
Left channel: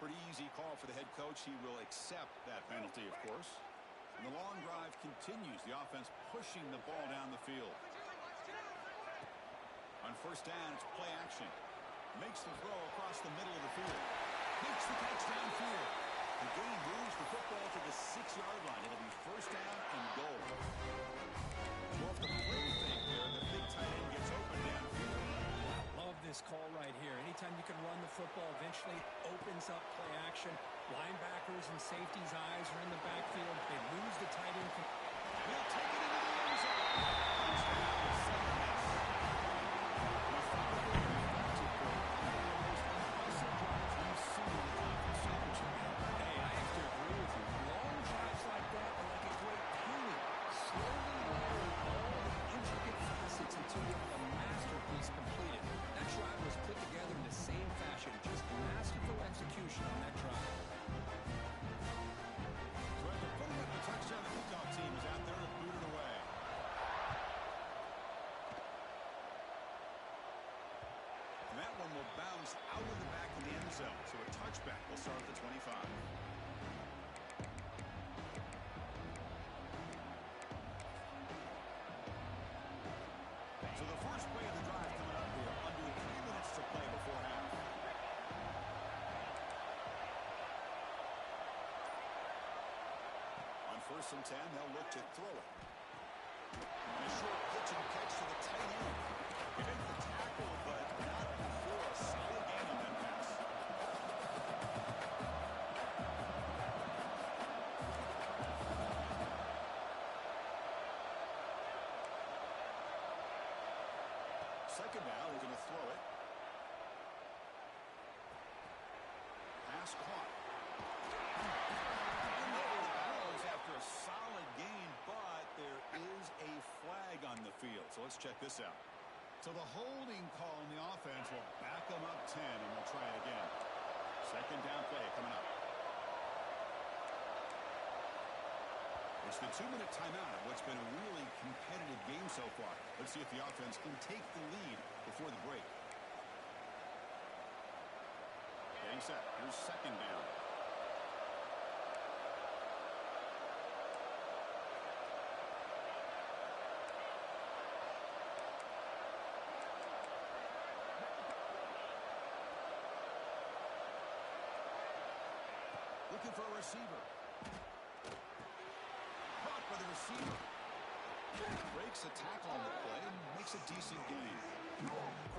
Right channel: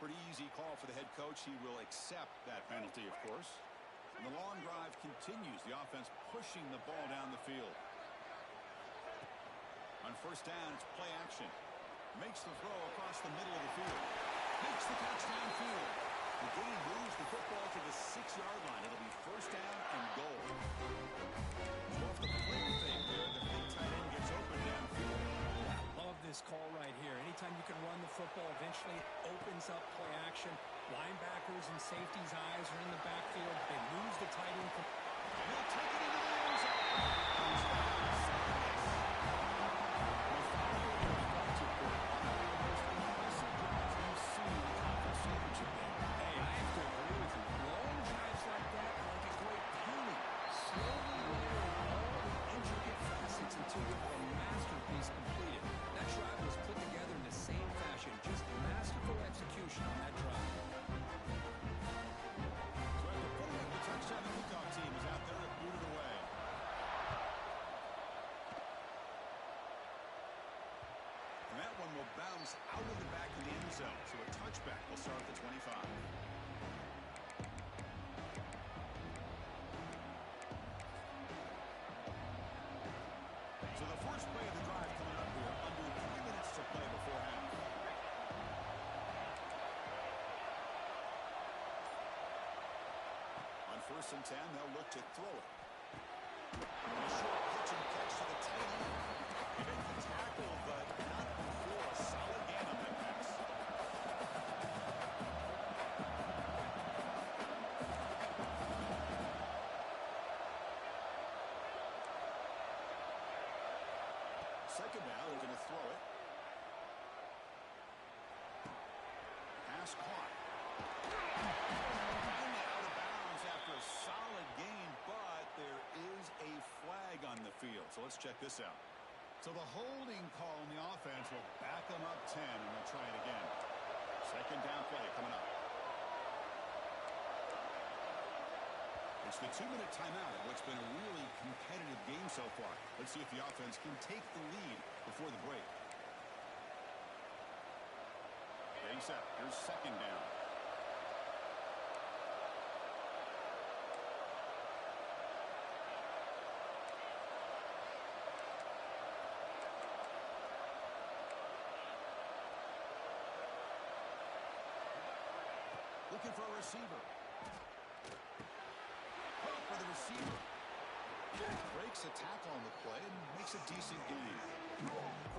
Pretty easy call for the head coach. He will accept that penalty, of course. And the long drive continues. The offense pushing the ball down the field. On first down, it's play action. Makes the throw across the middle of the field. Makes the catch downfield. The gain moves the football to the 6-yard line. It'll be first down and goal. So off the play fake there, the big tight end gets open downfield. Wow, love this call right here. Anytime you can run the football, eventually opens up play action. Linebackers and safeties' eyes are in the backfield. They lose the tight end. And he'll take it into the end zone. Touchdown, second miss. Methodical and effective, Kurt. One of the most impressive drives we've seen in the conference championship game. Hey, I have to agree with you. Long drives like that are like a great painting. Slowly layering all the intricate facets until you have a masterpiece completed. That drive was put together in the same fashion. Just masterful execution on that drive. So after putting up the touchdown, the kickoff team is out there to boot it away. And that one will bounce out of the back of the end zone. So a touchback will start at the 25. So the first play of the drive coming up here. Under 3 minutes to play before half. On 1st and 10, they'll look to throw it. And a short pitch and catch to the tight end. He made the tackle, but not before a solid gain on that pass. Second down, they're going to throw it. Pass caught. Finally out of bounds after a solid gain, but there is a flag on the field. So let's check this out. So the holding call on the offense will back them up 10, and they'll try it again. Second down play coming up. It's the 2-minute timeout of what's been a really competitive game so far. Let's see if the offense can take the lead before the break. Getting set. Here's second down. Looking for a receiver. Caught by the receiver. Breaks a tackle on the play and makes a decent gain.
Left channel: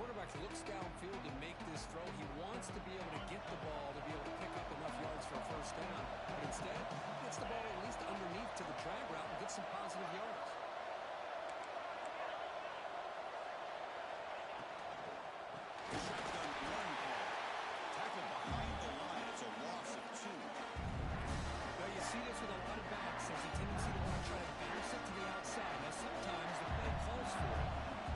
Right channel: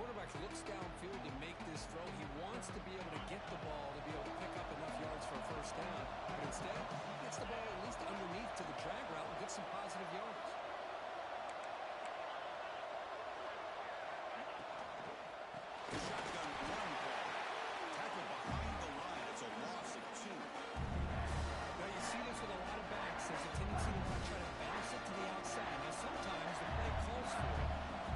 Quarterback looks downfield to make this throw. He wants to be able to get the ball to be able to pick up enough yards for a first down. But instead, he gets the ball at least underneath to the drag route and gets some positive yards. Shotgun run call. Tackle behind the line. It's a loss of 2. Now you see this with a lot of backs. There's a tendency to want to try to bounce it to the outside. Now sometimes the play calls for it,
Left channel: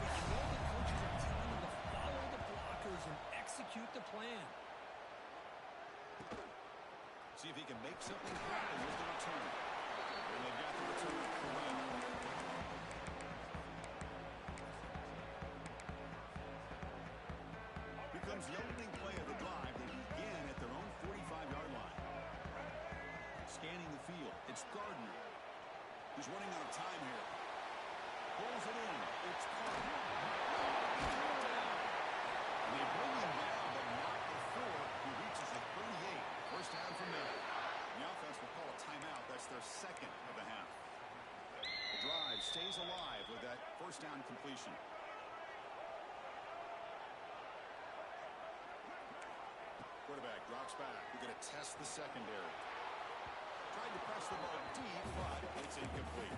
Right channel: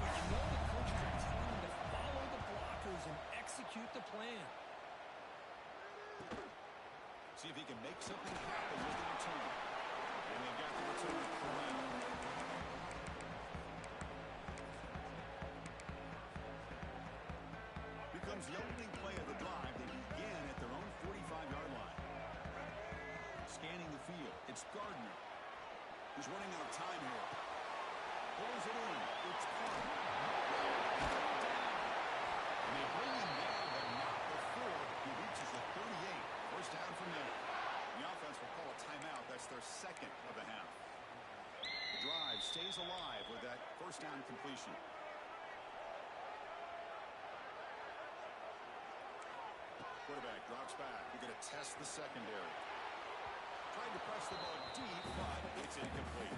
but you know the coaches are telling them to follow the blockers and execute the plan. See if he can make something happen with the return. And they've got the return corral. Becomes the opening play of the drive. They begin at their own 45-yard line. Scanning the field. It's Gardner. He's running out of time here. Pulls it in. It's Carter. And they bring him down, but not before he reaches the 38. First down from there. And the offense will call a timeout. That's their second of the half. The drive stays alive with that first down completion. Quarterback drops back. We're going to test the secondary. Tried to press the ball deep, but it's incomplete.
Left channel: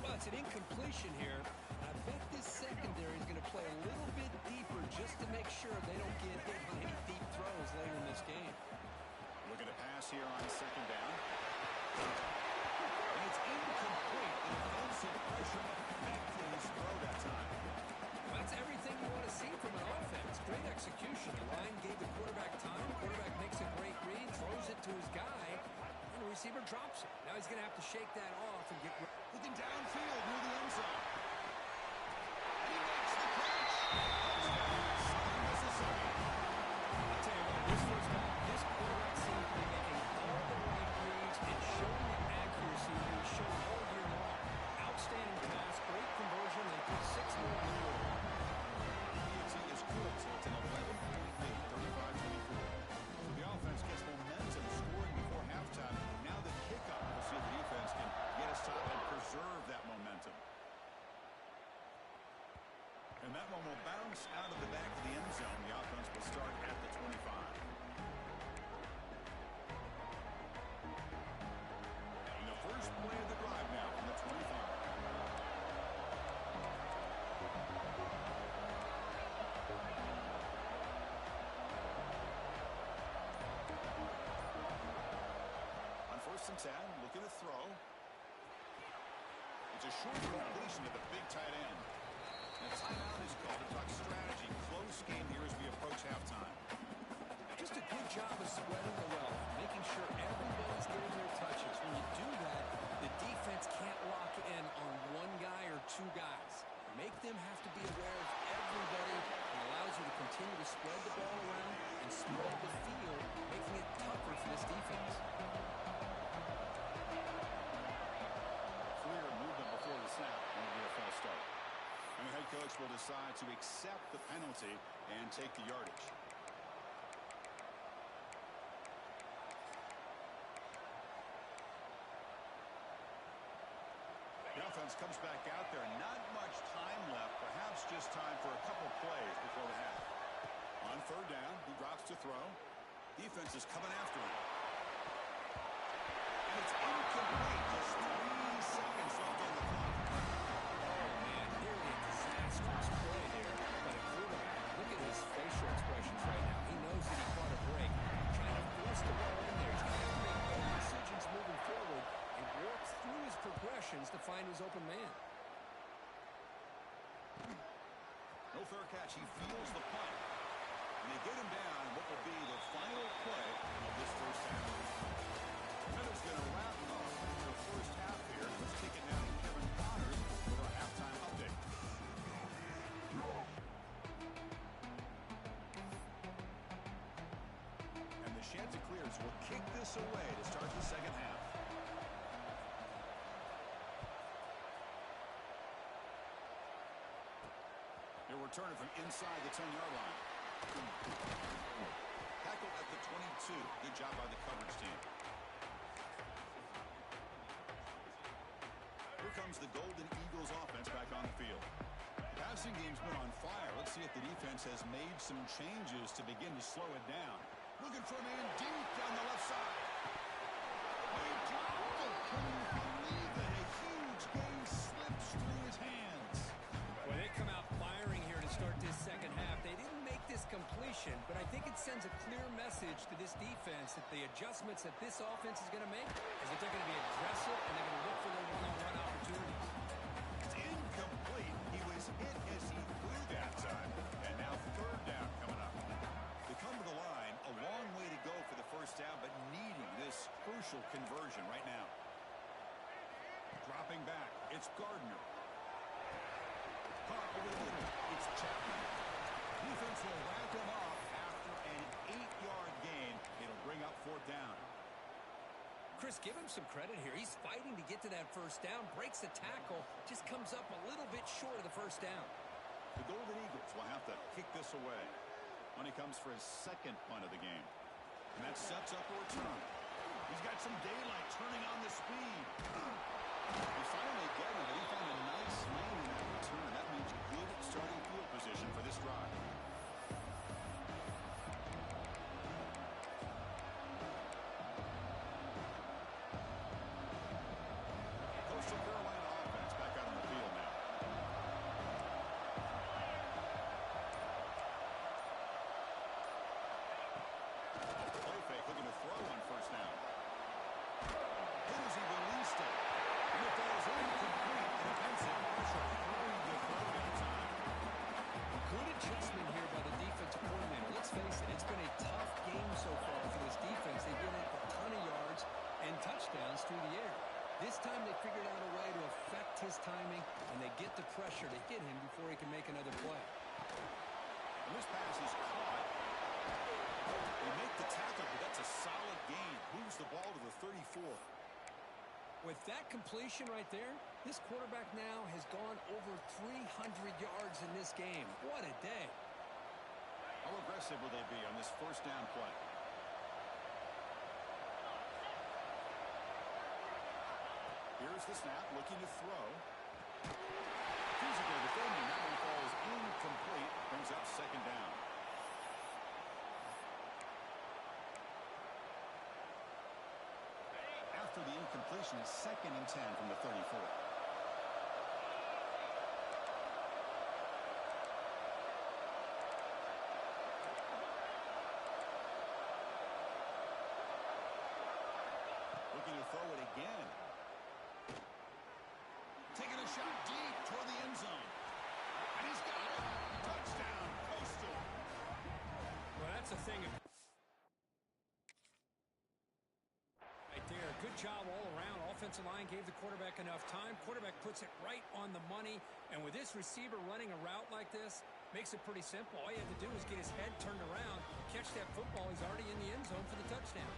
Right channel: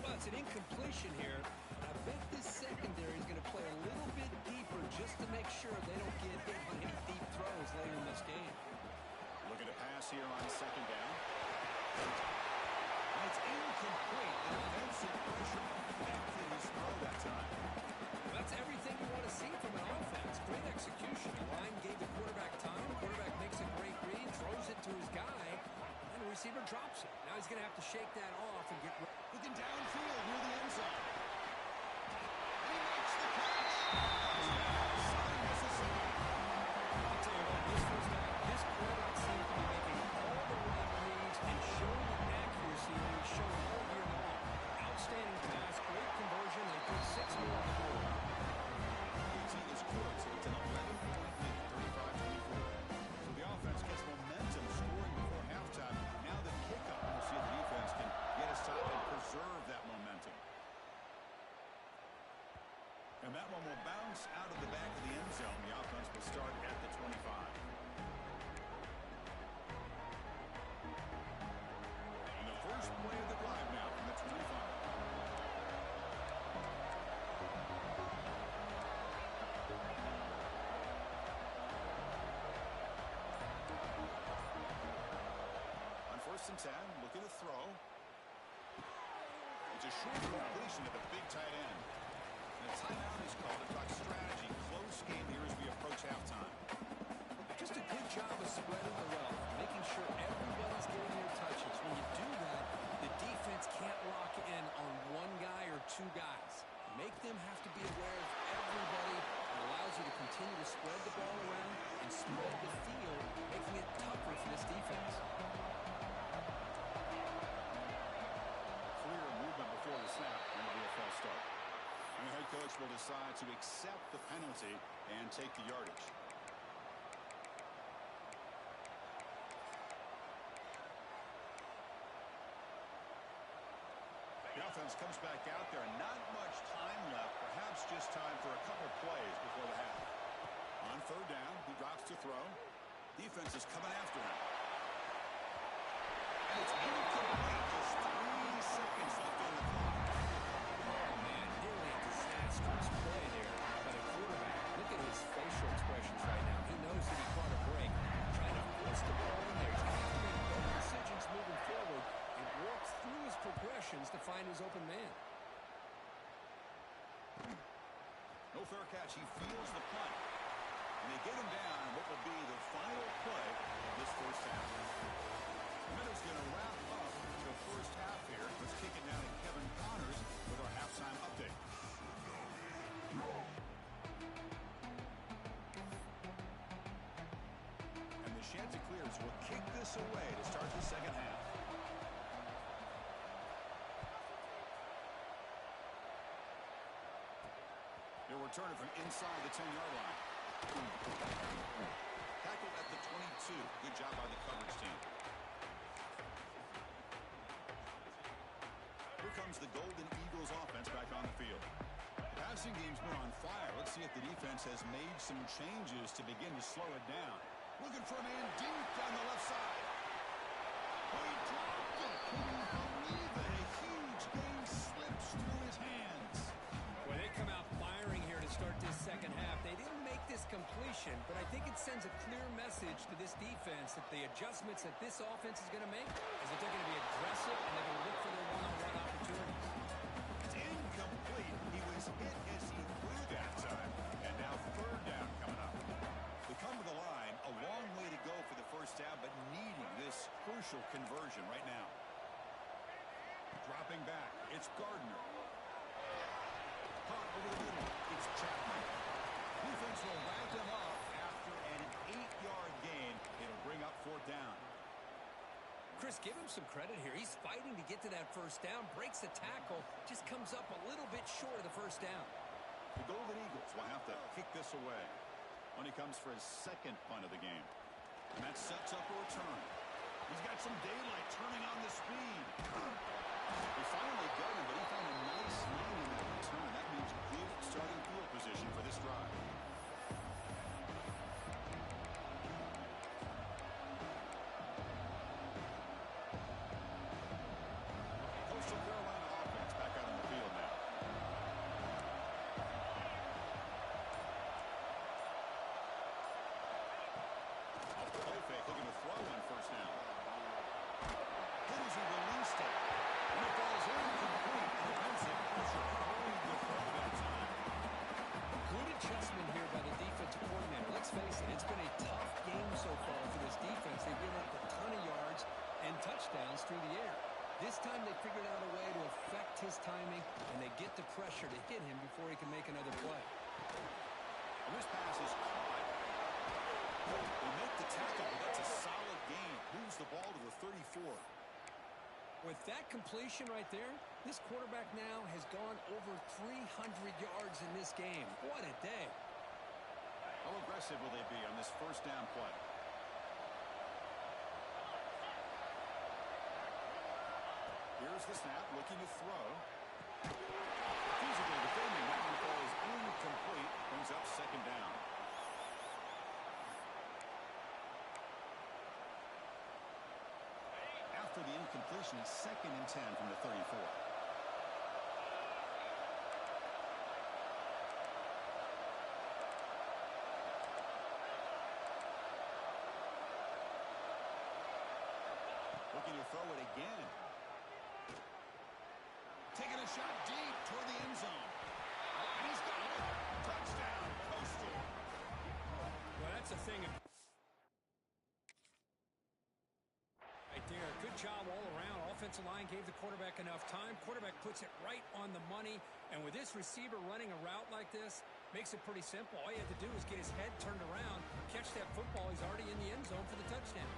Well, it's an incompletion here. I bet this secondary is going to play a little bit deeper just to make sure they don't get hit on any deep throws later in this game. Looking to pass here on second down. And it's incomplete. The defensive pressure affected his throw that time. Well, that's everything you want to see from an offense. Great execution. The line gave the quarterback time. Quarterback makes a great read, throws it to his guy, and the receiver drops it. Now he's going to have to shake that off and get... Looking downfield near the end zone. And he makes the catch. Touchdown, Southern Mississippi. I'll tell you what, this first half, this quarterback seems to be making all the right reads and showing the accuracy that he's shown all year long. Outstanding pass, great conversion. They put 6 more on the board. PAT is good, so it's an 11-point lead, 35-24. So the offense gets momentum scoring before halftime. Now the kickoff. We'll see if the defense can get a stop and preserve that momentum. And that one will bounce out of the back of the end zone. The offense will start at the 25. First and 10, looking to throw. It's a short completion to the big tight end. And a timeout is called to talk strategy. Close game here as we approach halftime. Just a good job of spreading the wealth, making sure everybody's getting their touches. When you do that, the defense can't lock in on one guy or two guys. Make them have to be aware of everybody, and allows you to continue to spread the ball around and spread the field, making it tougher for this defense. Clear movement before the snap, and it'll be a false start. And the head coach will decide to accept the penalty and take the yardage. The offense comes back out there, and not much time left, perhaps just time for a couple plays before the half. On third down, he drops to throw. Defense is coming after him. And it's incomplete. Just 3 seconds left on the clock. Oh, man, nearly a disastrous play there by the quarterback. Look at his facial expressions right now. He knows that he caught a break, trying to force the ball in there. He's going to have to make better decisions moving forward and work through his progressions to find his open man. No fair catch. He feels the punt. And they get him down in what will be the final play of this first half. Minutes going to wrap up the first half here. Let's kick it now to Kevin Connors with our halftime update. And the Chanticleers will kick this away to start the second half. They're returning from inside the 10-yard line. Tackled at the 22. Good job by the coverage team. Here comes the Golden Eagles offense back on the field. The passing game's been on fire. Let's see if the defense has made some changes to begin to slow it down. Looking for a man deep down the left side. Oh, he dropped it. Can you believe it? A huge gain slips through his hands. Well, they come out firing here to start this second half. They didn't make this completion, but I think it sends a clear message to this defense that the adjustments that this offense is going to make is that they're going to be aggressive and they're going to look for their one-on-one opportunities. It's incomplete. He was hit as he threw that time. And now third down coming up. They come to the line, a long way to go for the first down, but needing this crucial conversion right now. Dropping back, it's Gardner. Caught over the middle, it's Chapman. Defense will wrap them up after an 8-yard gain. It'll bring up fourth down. Chris, give him some credit here. He's fighting to get to that first down, breaks the tackle, just comes up a little bit short of the first down. The Golden Eagles will have to kick this away when he comes for his second punt of the game. And that sets up a return. He's got some daylight turning on the speed. They finally get him, but he found a nice lane in that return. That means good starting field position for this drive. Coastal Carolina offense back out on the field now. Off the play fake, looking to throw on first down. Good as he released it. And it falls incomplete. The defensive pressure hurried the throw that time. Good adjustment here by the defensive coordinator. Let's face it, it's been a tough game so far for this defense. They've given up a ton of yards and touchdowns through the air. This time they figured out a way to affect his timing, and they get the pressure to hit him before he can make another play. And this pass is caught. They make the tackle, but that's a solid gain. Moves the ball to the 34. With that completion right there, this quarterback now has gone over 300 yards in this game. What a day. How aggressive will they be on this first down play? Here's the snap, looking to throw. Feasible defending. That one falls incomplete. Brings up second down. After the incompletion, it's 2nd and 10 from the 34. Looking to throw it again. Taking a shot deep toward the end zone. And he's got it. Touchdown, Coastal. Well, that's the thing. Right there. Good job all around. Offensive line gave the quarterback enough time. Quarterback puts it right on the money. And with this receiver running a route like this, makes it pretty simple. All you have to do is get his head turned around, catch that football. He's already in the end zone for the touchdown.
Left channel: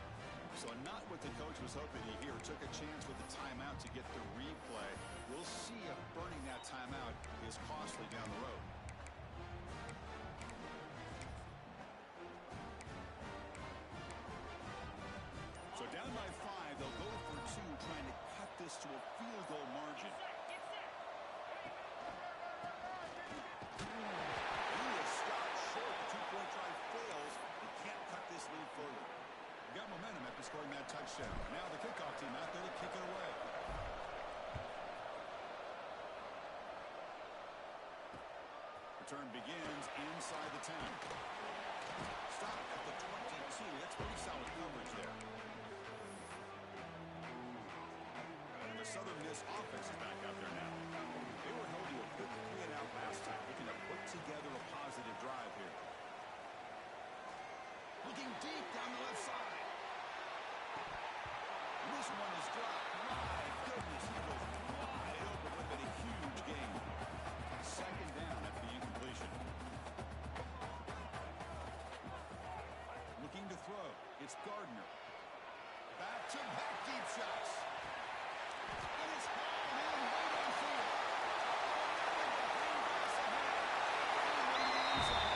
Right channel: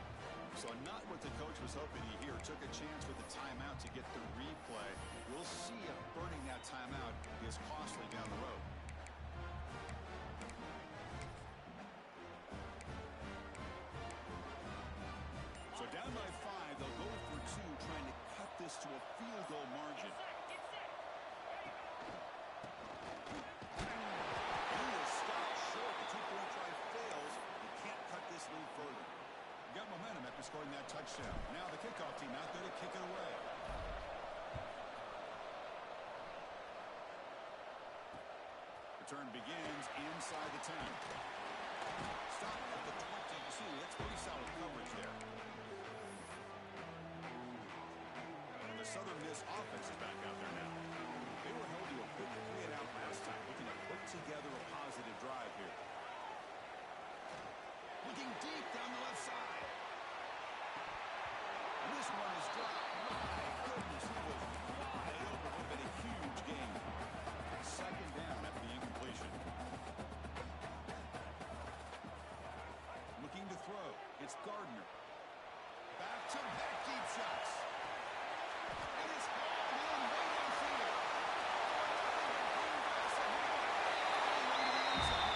So not what the coach was hoping to hear. Took a chance with the timeout to get the replay. We'll see if burning that timeout is costly down the road. So down by 5, they'll go for 2, trying to cut this to a field goal margin. Get set. And he is stopped short. The two-point try fails. They can't cut this lead further. Got momentum after scoring that touchdown. Now the kickoff team out there to kick it away. Return begins inside the 10. Stop at the 22. That's pretty solid coverage there. And the Southern Miss offense is back out there now. They were held to a quick 3-and-out last time, looking to put together a positive drive here. Looking deep down the left side. And this one is dropped. My goodness, he was wide open. Would have been a huge gain. Second down after the incompletion. Looking to throw. It's Gardner. Back-to-back deep shots. And it's hauled in way downfield. Oh, nothing but green grass ahead. All the way to the end zone.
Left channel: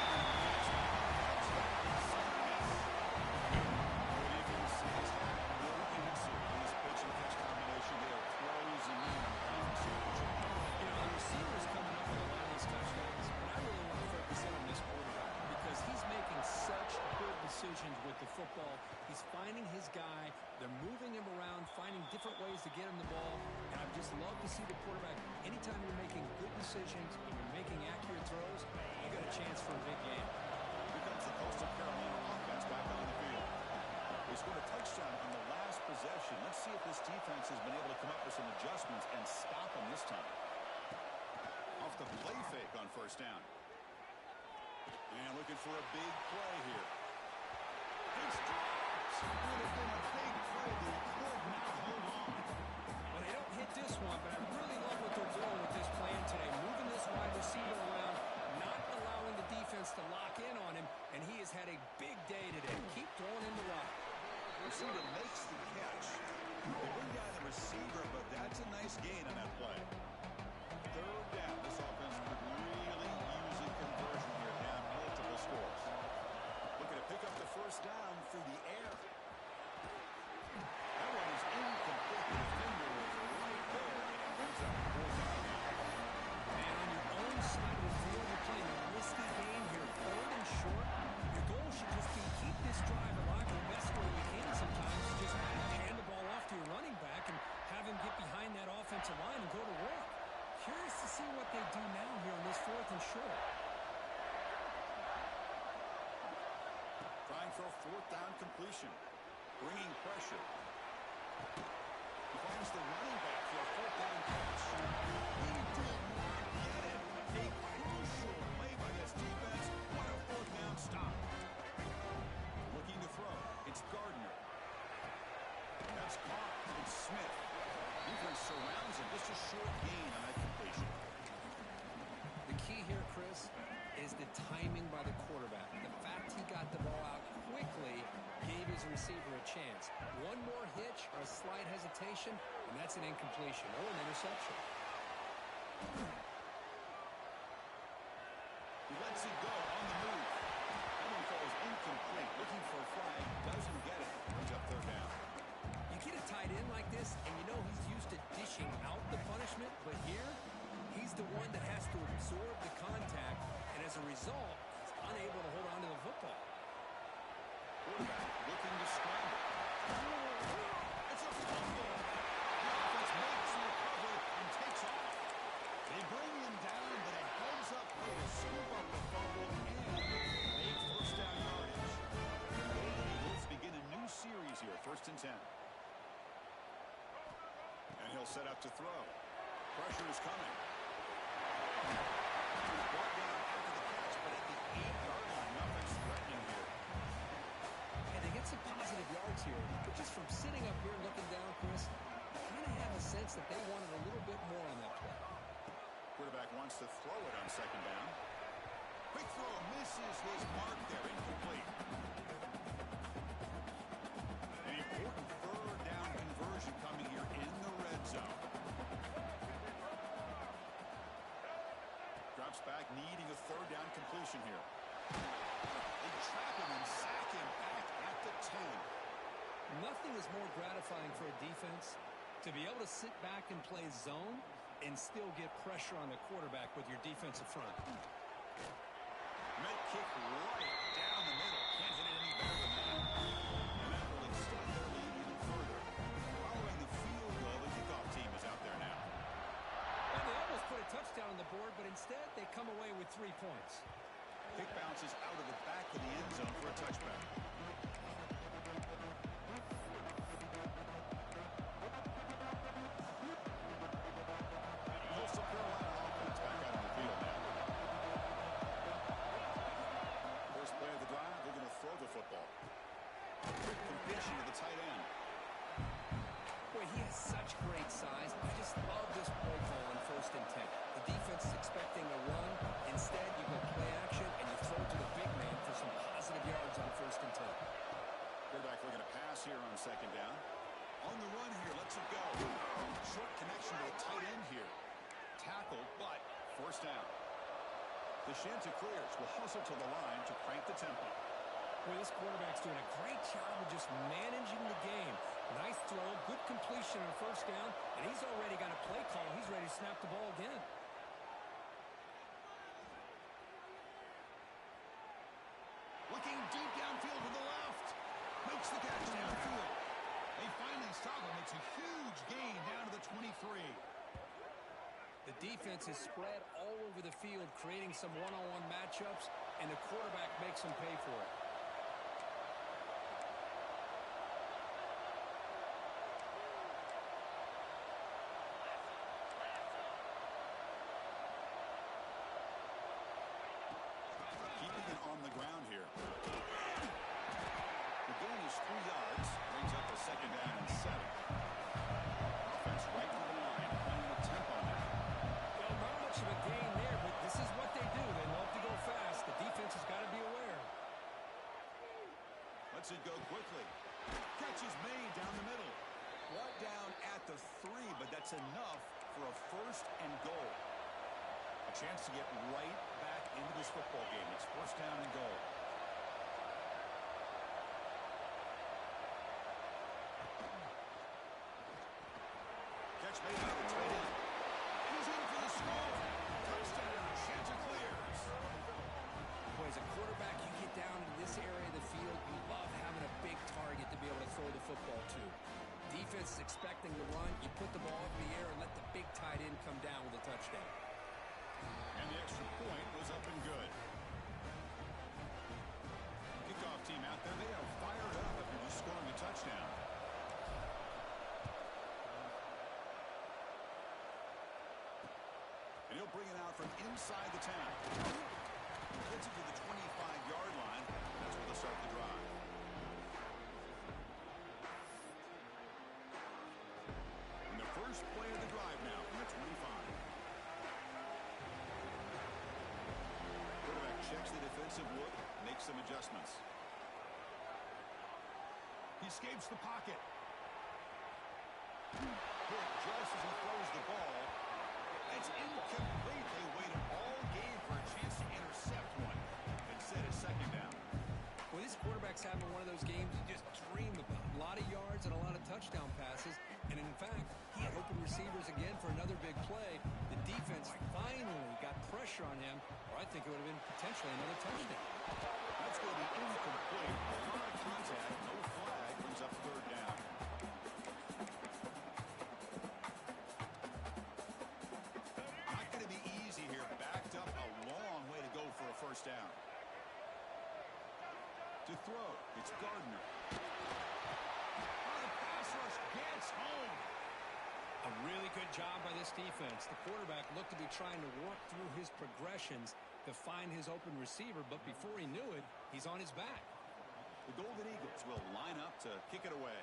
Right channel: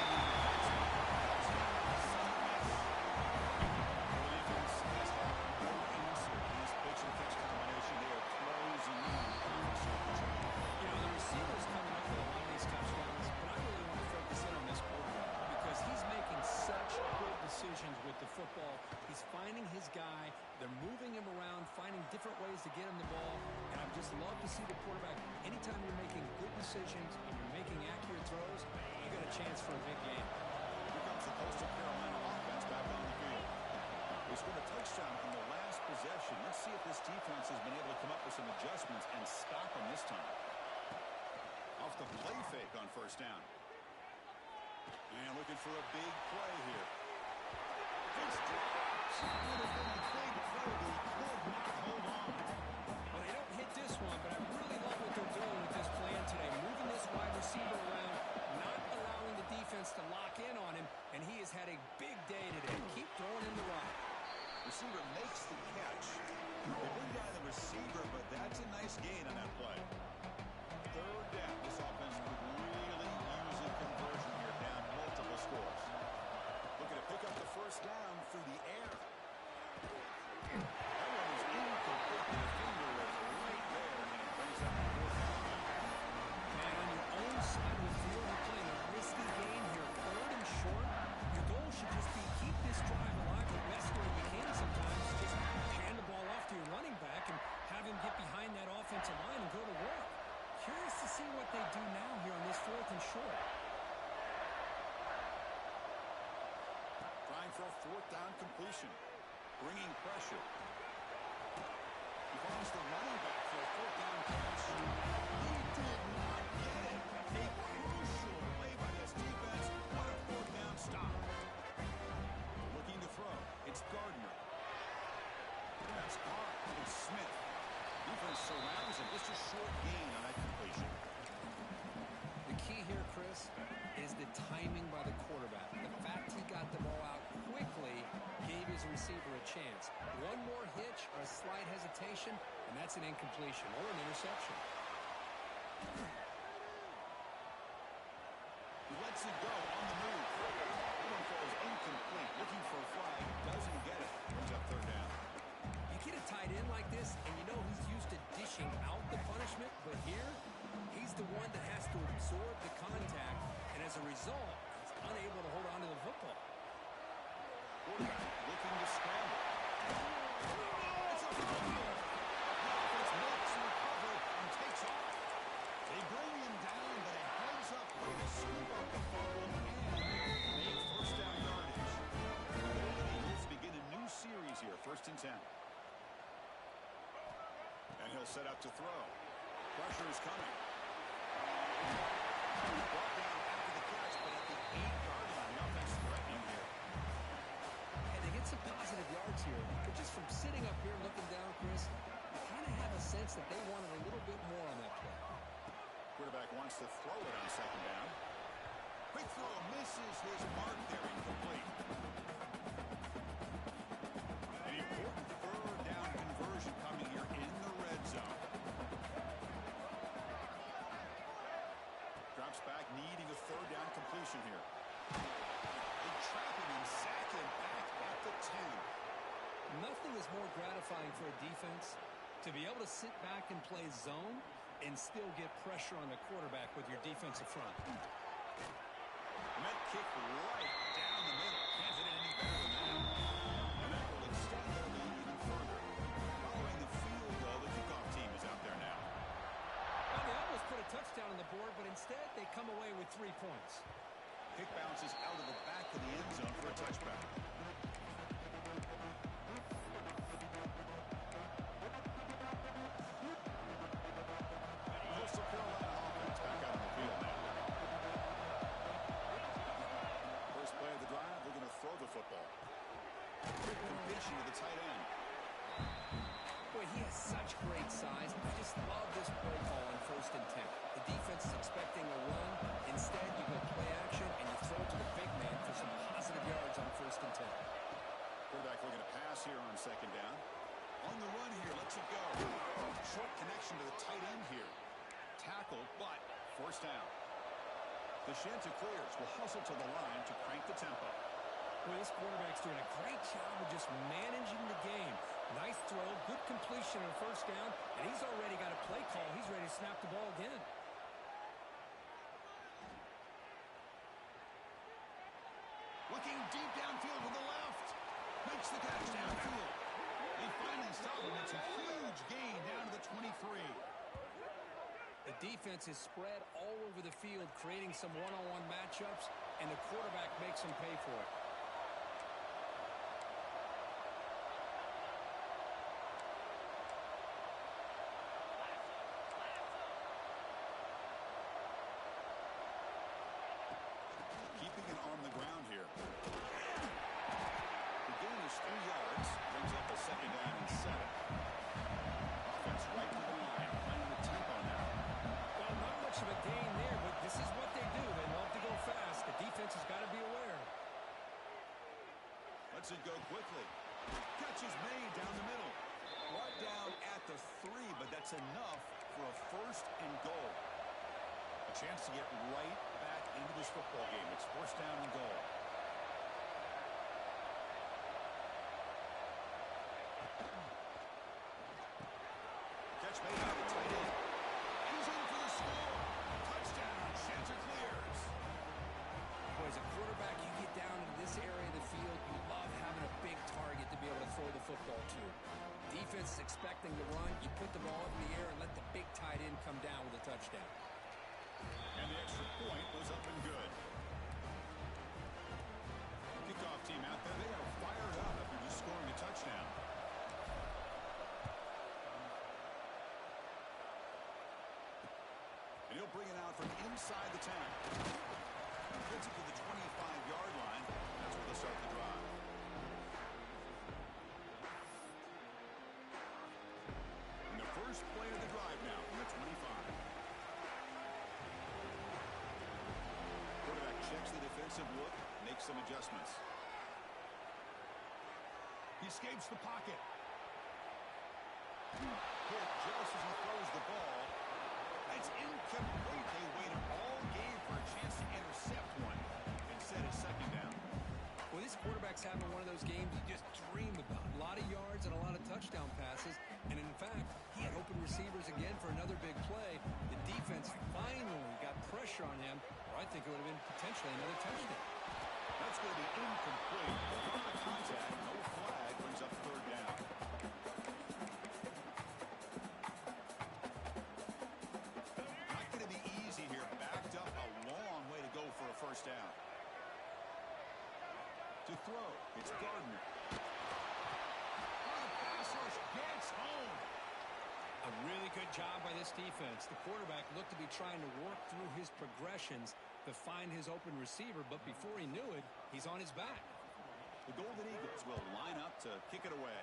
Pitch-and-catch combination. They are closing in on the conference championship. You know, the receiver's coming up with a lot of these touchdowns, but I really want to focus in on this quarterback because he's making such good decisions with the football. He's finding his guy. They're moving him around, finding different ways to get him the ball, and I just love to see the quarterback. Anytime you're making good decisions and you're making accurate throws, you got a chance for a big game. Here comes the Coastal Carolina offense back on the field. They scored a touchdown on the last possession. Let's see if this defense has been able to come up with some adjustments and stop them this time. Off the play fake on first down. And looking for a big play here. It's dropped. Would have been a big play, but he could not hold on. Well, they don't hit this one, but I really love what they're doing with this plan today. Moving this wide receiver around, not allowing the defense to lock in on him, and he has had a big day today. Keep throwing him the rock. Receiver makes the catch. They bring down the receiver, but that's a nice gain on that play. Third down. This offense could really use a conversion here, down multiple scores. Looking to pick up the first down through the air. That one is incomplete. The defender was right there, and it brings up fourth down now. Man, on your own side of the field, you're playing a risky game here. Third and short. Your goal should just be keep this drive alive the best way you can sometimes. Just hand the ball off to your running back and have him get behind that offensive line and go to work. Curious to see what they do now here on this fourth and short. Trying for a fourth down completion. Bringing pressure. He finds the running back for a fourth down catch. He did not get it. A crucial play by this defense. What a fourth down stop. Looking to throw. It's Gardner. That's Carr. It's Smith. Defense surrounds him. Just a short gain on that completion. The key here, Chris, is the timing by the quarterback. The fact he got the ball out quickly gave his receiver a chance. One more hitch or a slight hesitation, and that's an incompletion or an interception. He lets it go on the move. That one falls incomplete. Looking for a flag. Doesn't get it. Brings up third down. You get a tight end like this, and you know he's used to dishing out the punishment, but here, he's the one that has to absorb the contact, and as a result, he's unable to hold on to the football. Quarterback looking to scramble. It's a fumble. The offense makes the recovery and takes off. They bring him down, but a heads-up play to scoop up the fumble and make first down yardage. The Golden Eagles begin a new series here, 1st and 10. And he'll set up to throw. Pressure is coming. Brought down after the catch, but at the 8-yard line. Nothing's threatening here. And they get some positive yards here. But just from sitting up here looking down, Chris, you kind of have a sense that they wanted a little bit more on that play. Quarterback wants to throw it on second down. Quick throw misses his mark there. Incomplete. An important third down conversion coming here in the red zone. Drops back, needing a third down completion here. They trap him and sack him back at the 10. Nothing is more gratifying for a defense to be able to sit back and play zone and still get pressure on the quarterback with your defensive front. Met kick right down the middle. Can't hit it any better than that. And that will extend their lead even further. Following the field goal, the kickoff team is out there now. Well, they almost put a touchdown on the board, but instead they come away with 3 points. Kick bounces out of the back of the end zone for a touchback. Coastal Carolina offense back out on the field now. First play of the drive, they're going to throw the football. Quick completion to the tight end. Boy, he has such great size. I just love this play call on 1st and 10. The defense is expecting a run. Instead, you go play action, and you throw to the big man for some positive yards on 1st and 10. Quarterback looking to pass here on second down. On the run here, lets it go. Short connection to the tight end here. Tackle, but first down. The Chanticleers will hustle to the line to crank the tempo. Boy, this quarterback's doing a great job of just managing the game. Nice throw, good completion on 1st down, and he's already got a play call. He's ready to snap the ball again. Looking deep downfield to the left. Makes the catch downfield. They finally stop him. It's a huge gain down to the 23. The defense is spread all over the field, creating some one-on-one matchups, and the quarterback makes them pay for it. Keeping it on the ground here. The gain is 3 yards. Brings up a second down and 7. Offense right to the line, playing with tempo now. Well, not much of a gain there, but this is what they do. They love to go fast. The defense has got to be aware. Lets it go quickly. Catch is made down the middle. Brought down at the 3, but that's enough for a 1st and goal. A chance to get right back into this football game. It's 1st down and goal. Catch made by the tight end. And he's in for the score. Touchdown, Chanticleers. Boy, as a quarterback, you get down into this area of the field, you love having a big target to be able to throw the football to. Defense is expecting the run. You put the ball up in the air and let the big tight end come down with a touchdown. And the extra point was up and good. Kickoff team out there, they are fired up after just scoring a touchdown. And he'll bring it out from inside the 10. Gets it to the 25-yard line. That's where they'll start the drive. And the first play of the drive now from the 25. Quarterback checks the defensive look, makes some adjustments. He escapes the pocket. Hit just as he throws the ball. It's incomplete. They waited all game for a chance to intercept one. Instead, it's second down. Well, this quarterback's having one of those games you just dream about. A lot of yards and a lot of touchdown passes. And in fact, he had open receivers again for another big play. The defense finally got pressure on him, or I think it would have been potentially another touchdown. That's going to be incomplete. A lot of contact, no flag, brings up 3rd down. Not going to be easy here. Backed up a long way to go for a 1st down. To throw, it's Gardner. On a pass rush, gets home. A Really good job by this defense. The quarterback looked to be trying to work through his progressions to find his open receiver, but before he knew it, he's on his back. The Golden Eagles will line up to kick it away.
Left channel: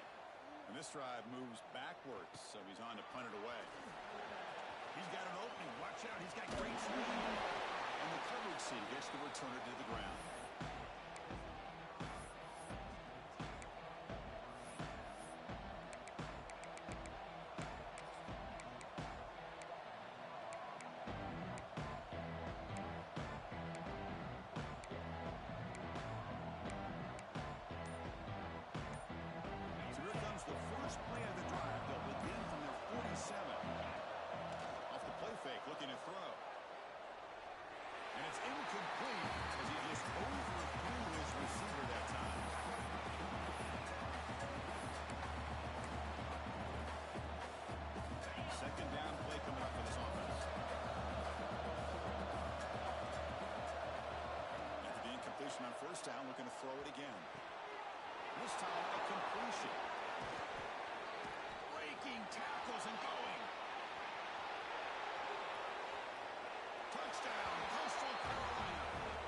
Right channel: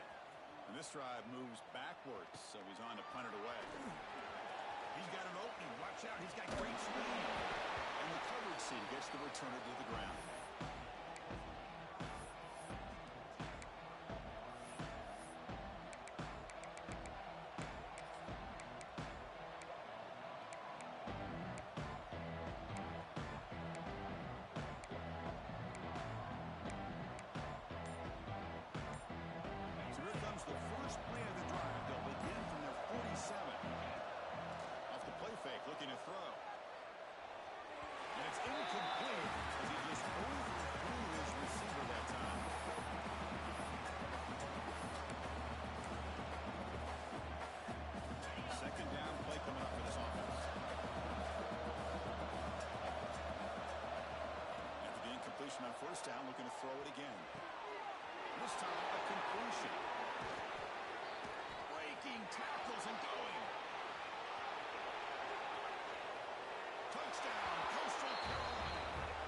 And this drive moves backwards, so he's on to punt it away. He's got an opening. Watch out. He's got great speed. And the coverage C gets the returner to the ground. So here comes the first play of the drive. They'll begin from their 47. Off the play fake, looking to throw. And it's incomplete as he just overthrew his receiver that time. Second down play coming up for this offense. After the incompletion on first down, looking to throw it again. This time a completion. Breaking tackles and going. Touchdown, Coastal Carolina.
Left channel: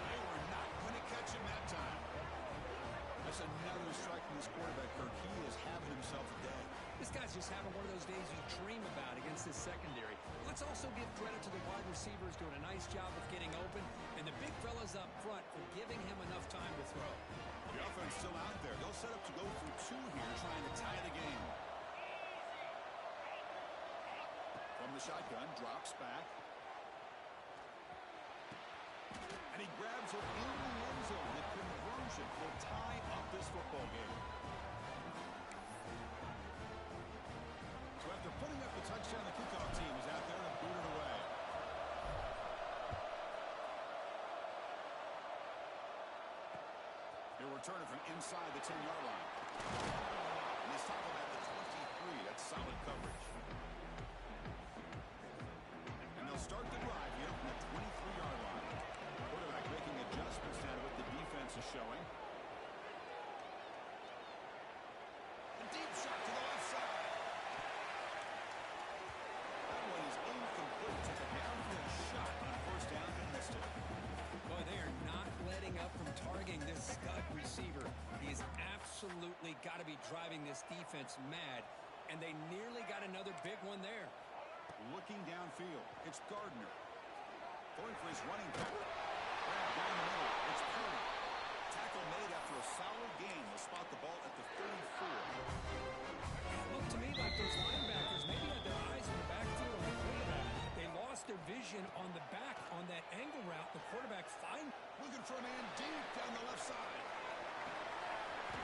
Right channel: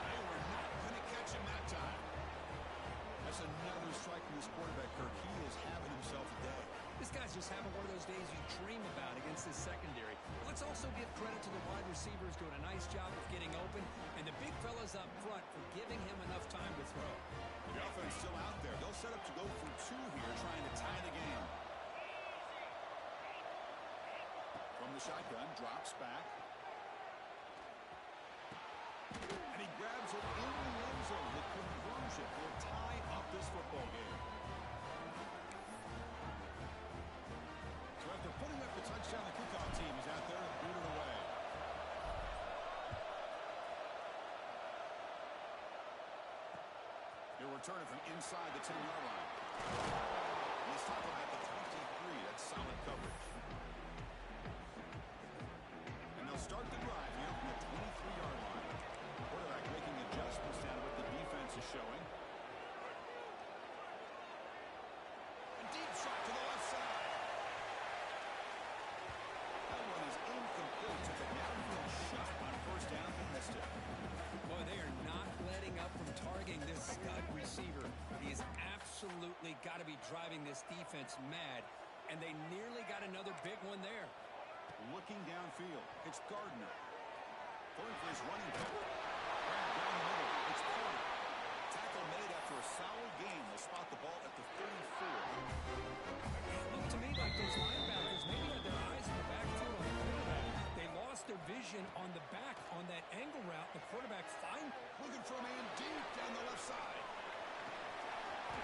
They were not going to catch him that time. That's another strike from this quarterback, Kirk. He is having himself a day. This guy's just having one of those days you dream about against this secondary. Let's also give credit to the wide receivers doing a nice job of getting open, and the big fellas up front for giving him enough time to throw. The offense still out there. They'll set up to go for two here, trying to tie the game. From the shotgun, drops back. And he grabs it in the end zone. The conversion will tie up this football game. So after putting up the touchdown, the kickoff team is out there to boot it away. He'll return it from inside the 10-yard line. And he's talking about the 23. That's solid coverage. And they'll start the drive here from the 23-yard line. Quarterback making adjustments now to what the defense is showing. A deep shot to the left side. That one is incomplete. Took a downfield shot on first down and missed it. Boy, they are not letting up from targeting this stud receiver. He's absolutely got to be driving this defense mad, and they nearly got another big one there. Looking downfield, it's Gardner. Going for his running back. Grab down the middle, it's Purdy. Tackle made after a solid game. They'll spot the ball at the 34. It looked to me like those linebackers maybe had their eyes in the backfield on the quarterback. They lost their vision on the back on that angle route. The quarterback Looking for a man deep down the left side.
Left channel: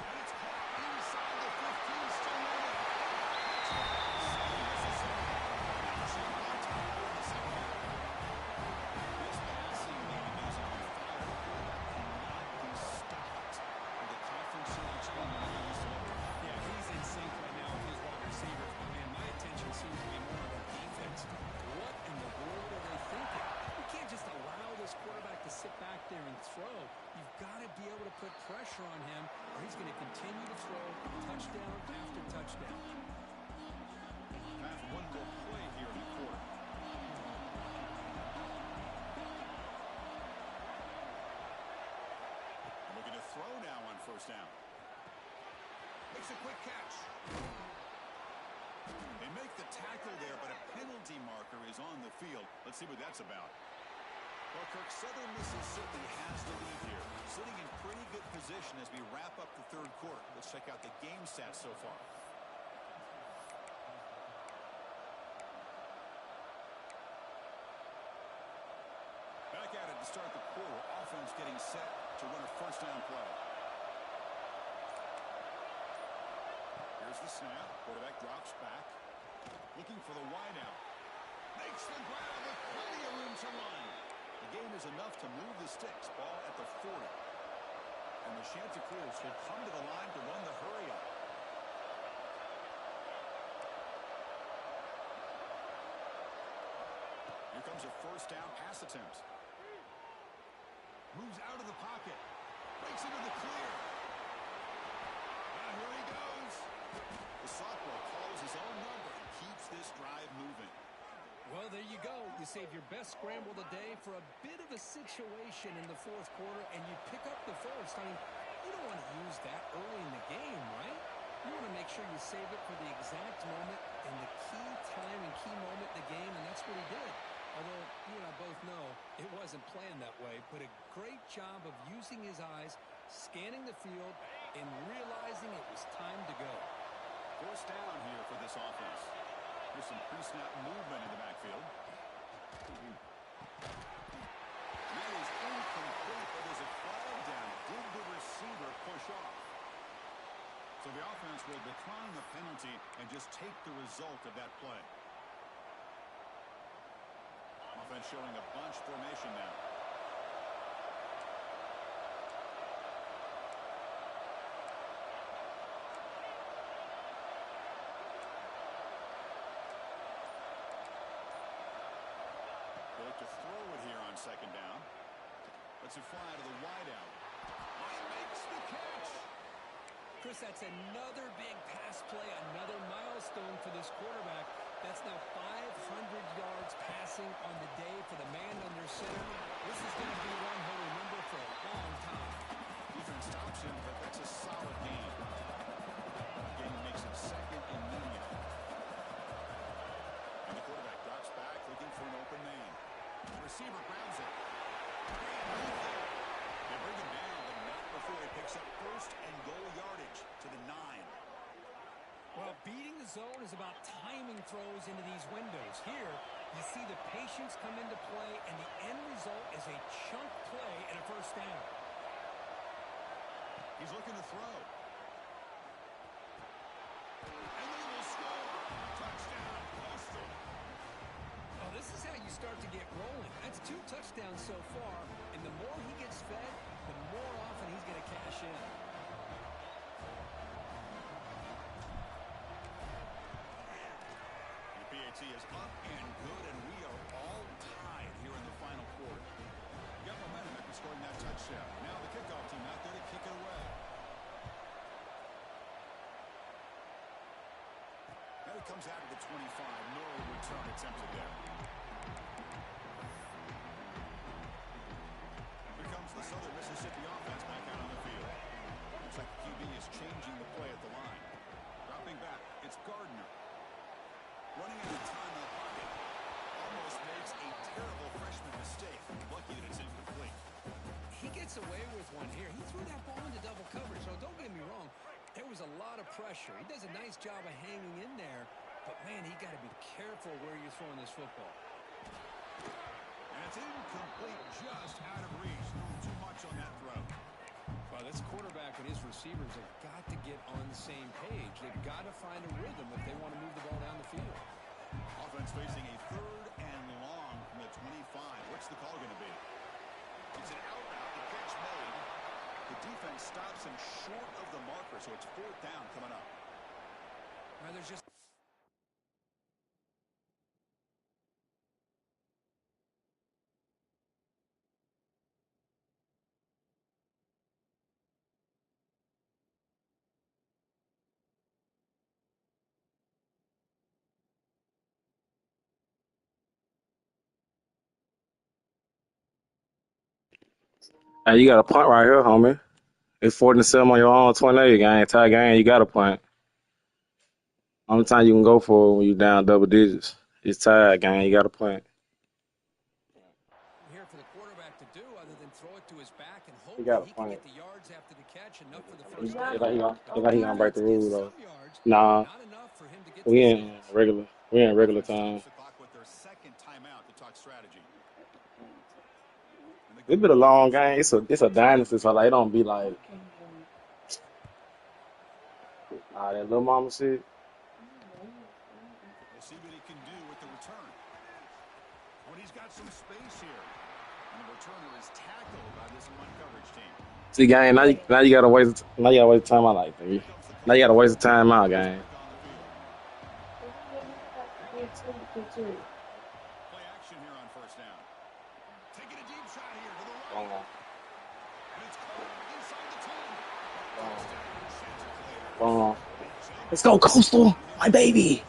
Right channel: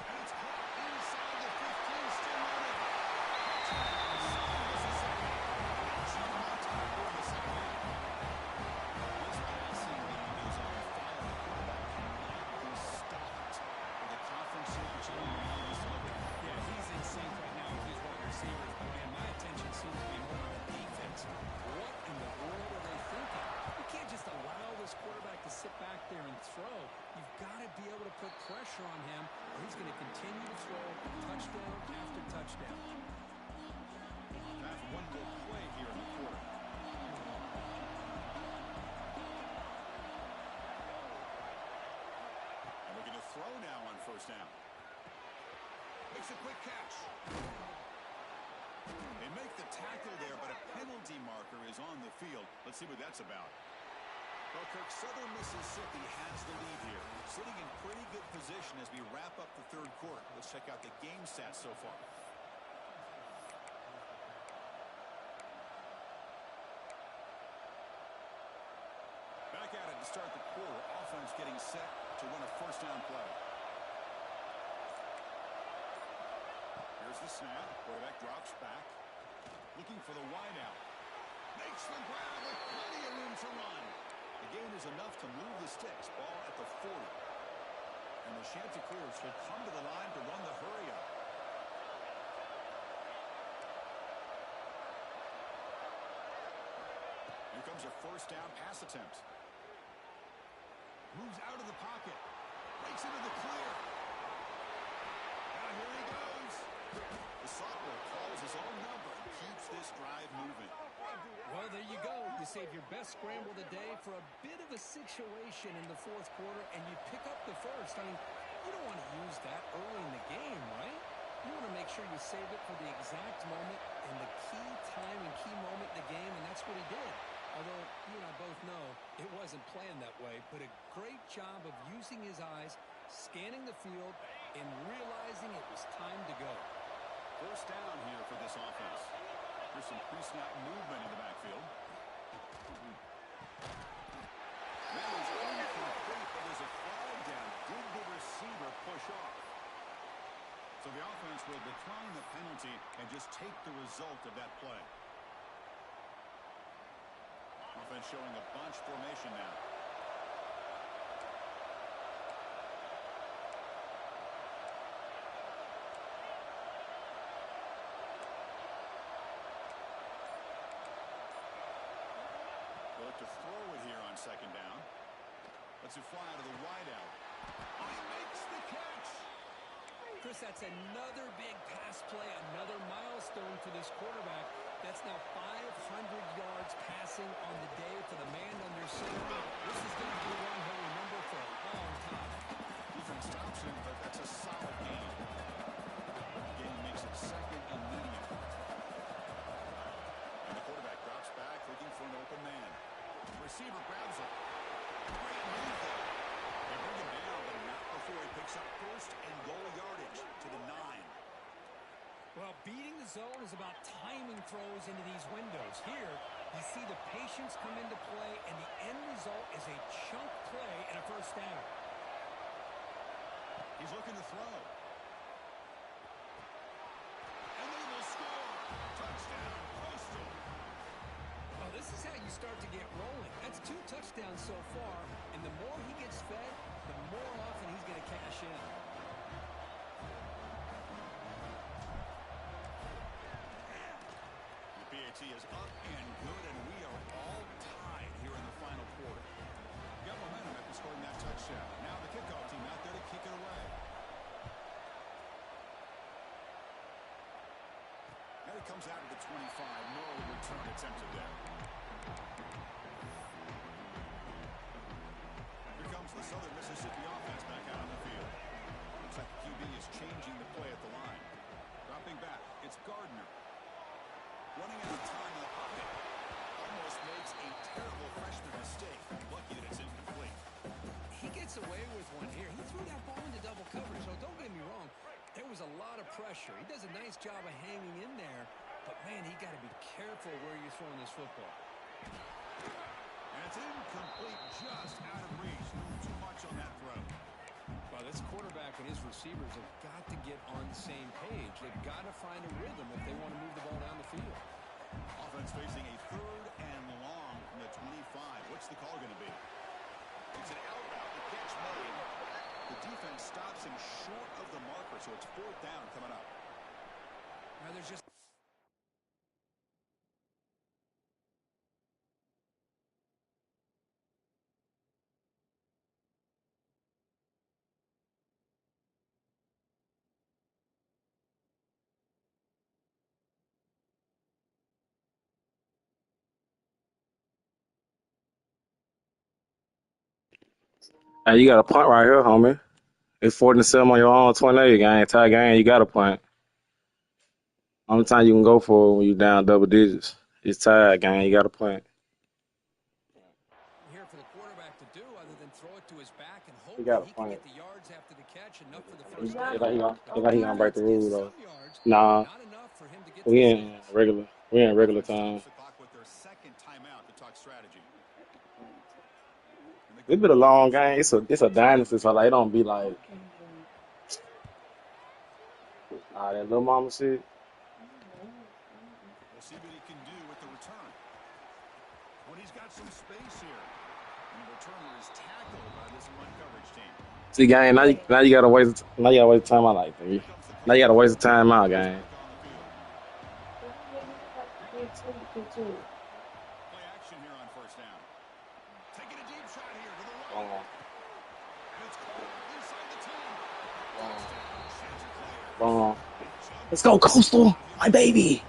And it's caught inside the 15, still running. Touchdown, Southern Mississippi. They jump on top here in the second half. This passing game is on fire. The quarterback cannot be stopped with a conference championship on the way he's delivered. Yeah, he's in sync right now with his wide receivers. But, man, my attention seems to be more on the defense. What in the world are they thinking? You can't just allow this quarterback to sit back there and throw. You've got to be able to put pressure on him, or he's going to continue to throw touchdown after touchdown. Time for one more play here in the quarter. And looking to throw now on first down. Makes a quick catch. They make the tackle there, but a penalty marker is on the field. Let's see what that's about. Well, Kirk, Southern Mississippi has the lead here, sitting in pretty good position as we wrap up the third quarter. Let's check out the game stats so far. Back at it to start the quarter. Offense getting set to run a first down play. Here's the snap. Quarterback drops back. Looking for the wideout. Makes the grab with plenty of room to run. The gain is enough to move the sticks. Ball at the 40. And the Chanticleers will come to the line to run the hurry up. Here comes a first down pass attempt. Moves out of the pocket. Breaks into the clear. Now here he goes. The sophomore calls his own number and keeps this drive moving. Well, there you go. You save your best scramble of the day for a bit of a situation in the fourth quarter, and you pick up the first. I mean, you don't want to use that early in the game, right? You want to make sure you save it for the exact moment and the key time and key moment in the game, and that's what he did. Although you and I both know it wasn't planned that way, but a great job of using his eyes, scanning the field, and realizing it was time to go. First down here for this offense. There's some pre-snap movement in the backfield. That is incomplete, but there's a flag down. Did the receiver push off? So the offense will decline the penalty and just take the result of that play. Offense showing a bunch formation now. They look to throw it here on second down. Lets it fly to the wideout. Oh, he makes the catch. Chris, that's another big pass play, another milestone for this quarterback. That's now 500 yards passing on the day for the man under center. This is going to be one he'll remember for a long time. Defense stops him, but that's a solid gain. Gain makes it second and medium. And the quarterback drops back, looking for an open man. The receiver grabs it. Great move there. They bring him down, but not before he picks up first and goal yardage to the 9. Well, beating the zone is about timing throws into these windows. Here, you see the patience come into play, and the end result is a chunk play and a first down. He's looking to throw. And they will score. Touchdown, Coastal. Well, this is how you start to get rolling. That's 2 touchdowns so far, and the more he gets fed, the more often he's going to cash in. The PAT is up and good, and we are all tied here in the final quarter. Got momentum after scoring that touchdown. Now the kickoff team out there to kick it away. And it comes out to the 25. No return attempted there. Here comes the Southern Mississippi offense back out on the field. Looks like the QB is changing the play at the line. Dropping back, it's Gardner. Running out of time in the pocket. Almost makes a terrible freshman mistake. Lucky that it's incomplete. He gets away with one here. He threw that ball into double coverage, so don't get me wrong. There was a lot of pressure. He does a nice job of hanging in there, but, man, he got to be careful where you're throwing this football. And it's incomplete, just out of reach. Doing too much on that throw. Well, this quarterback and his receivers have got to get on the same page. They've got to find a rhythm if they want to move the ball down the field. Offense facing a 3rd and long from the 25. What's the call going to be? It's an out route. The catch made. The defense stops him short of the marker, so it's 4th down coming up. There's just... Hey, you got a punt right here, homie. It's 47 on your own 28 game. Tie game, you got a punt. Only time you can go for it when you're down double digits. It's tied game, you got a punt. Here for the quarterback to do other than throw it to his back and hope He got that a he can punt. get the yards after the catch, enough for the He first down. like he gonna break the rule though. Some yards, Nah, not enough for him to get we to in regular. We in regular time. Stops the clock with their 2nd timeout to talk strategy. It's been a long game. It's a dynasty, so like it don't be like that little mama shit. We'll see what he can do with the return. When he's got some space here. And the returner is tackled by this punt coverage team. See, gang, now you gotta waste time out like that. Now you gotta waste the time out, gang. Play action here on 1st down. Taking a deep shot here to the right. And it's caught inside the 10. Touchdown, Chanticleer. Let's go, Coastal, my baby.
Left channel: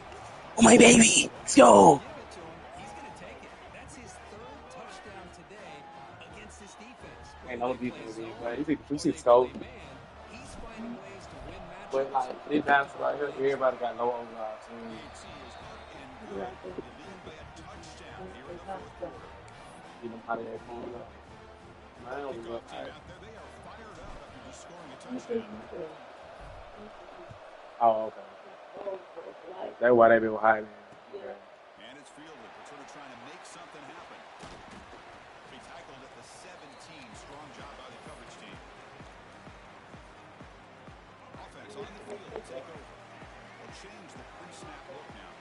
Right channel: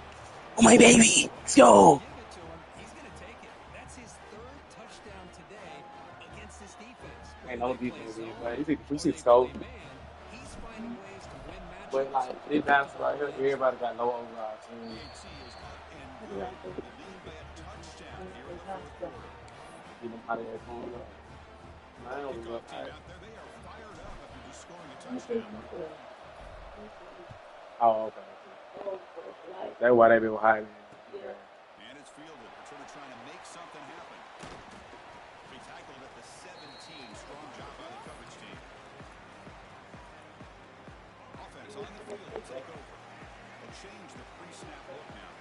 Oh, my baby. Let's go. Give it to him. He's going to take it. That's his third touchdown today against this defense. Ain't Whether no they play defense being zone played. We or see they play scope. man, he's finding ways to win But, matchups. like, this bounce right here, everybody got low overall team. PHC is up and I good. like it. The lead by a touchdown here in the Nice fourth stuff. quarter. Get them out of there. Man, it was Kickoff rough. team out there, they are fired up after just scoring a This is touchdown. good. Oh, okay. Like, That's why they been hiding. yeah. And it's fielded. Returner trying to make something happen. He tackled at the 17. Strong job by the coverage team. Offense on the field to take over. They'll change the pre-snap look now.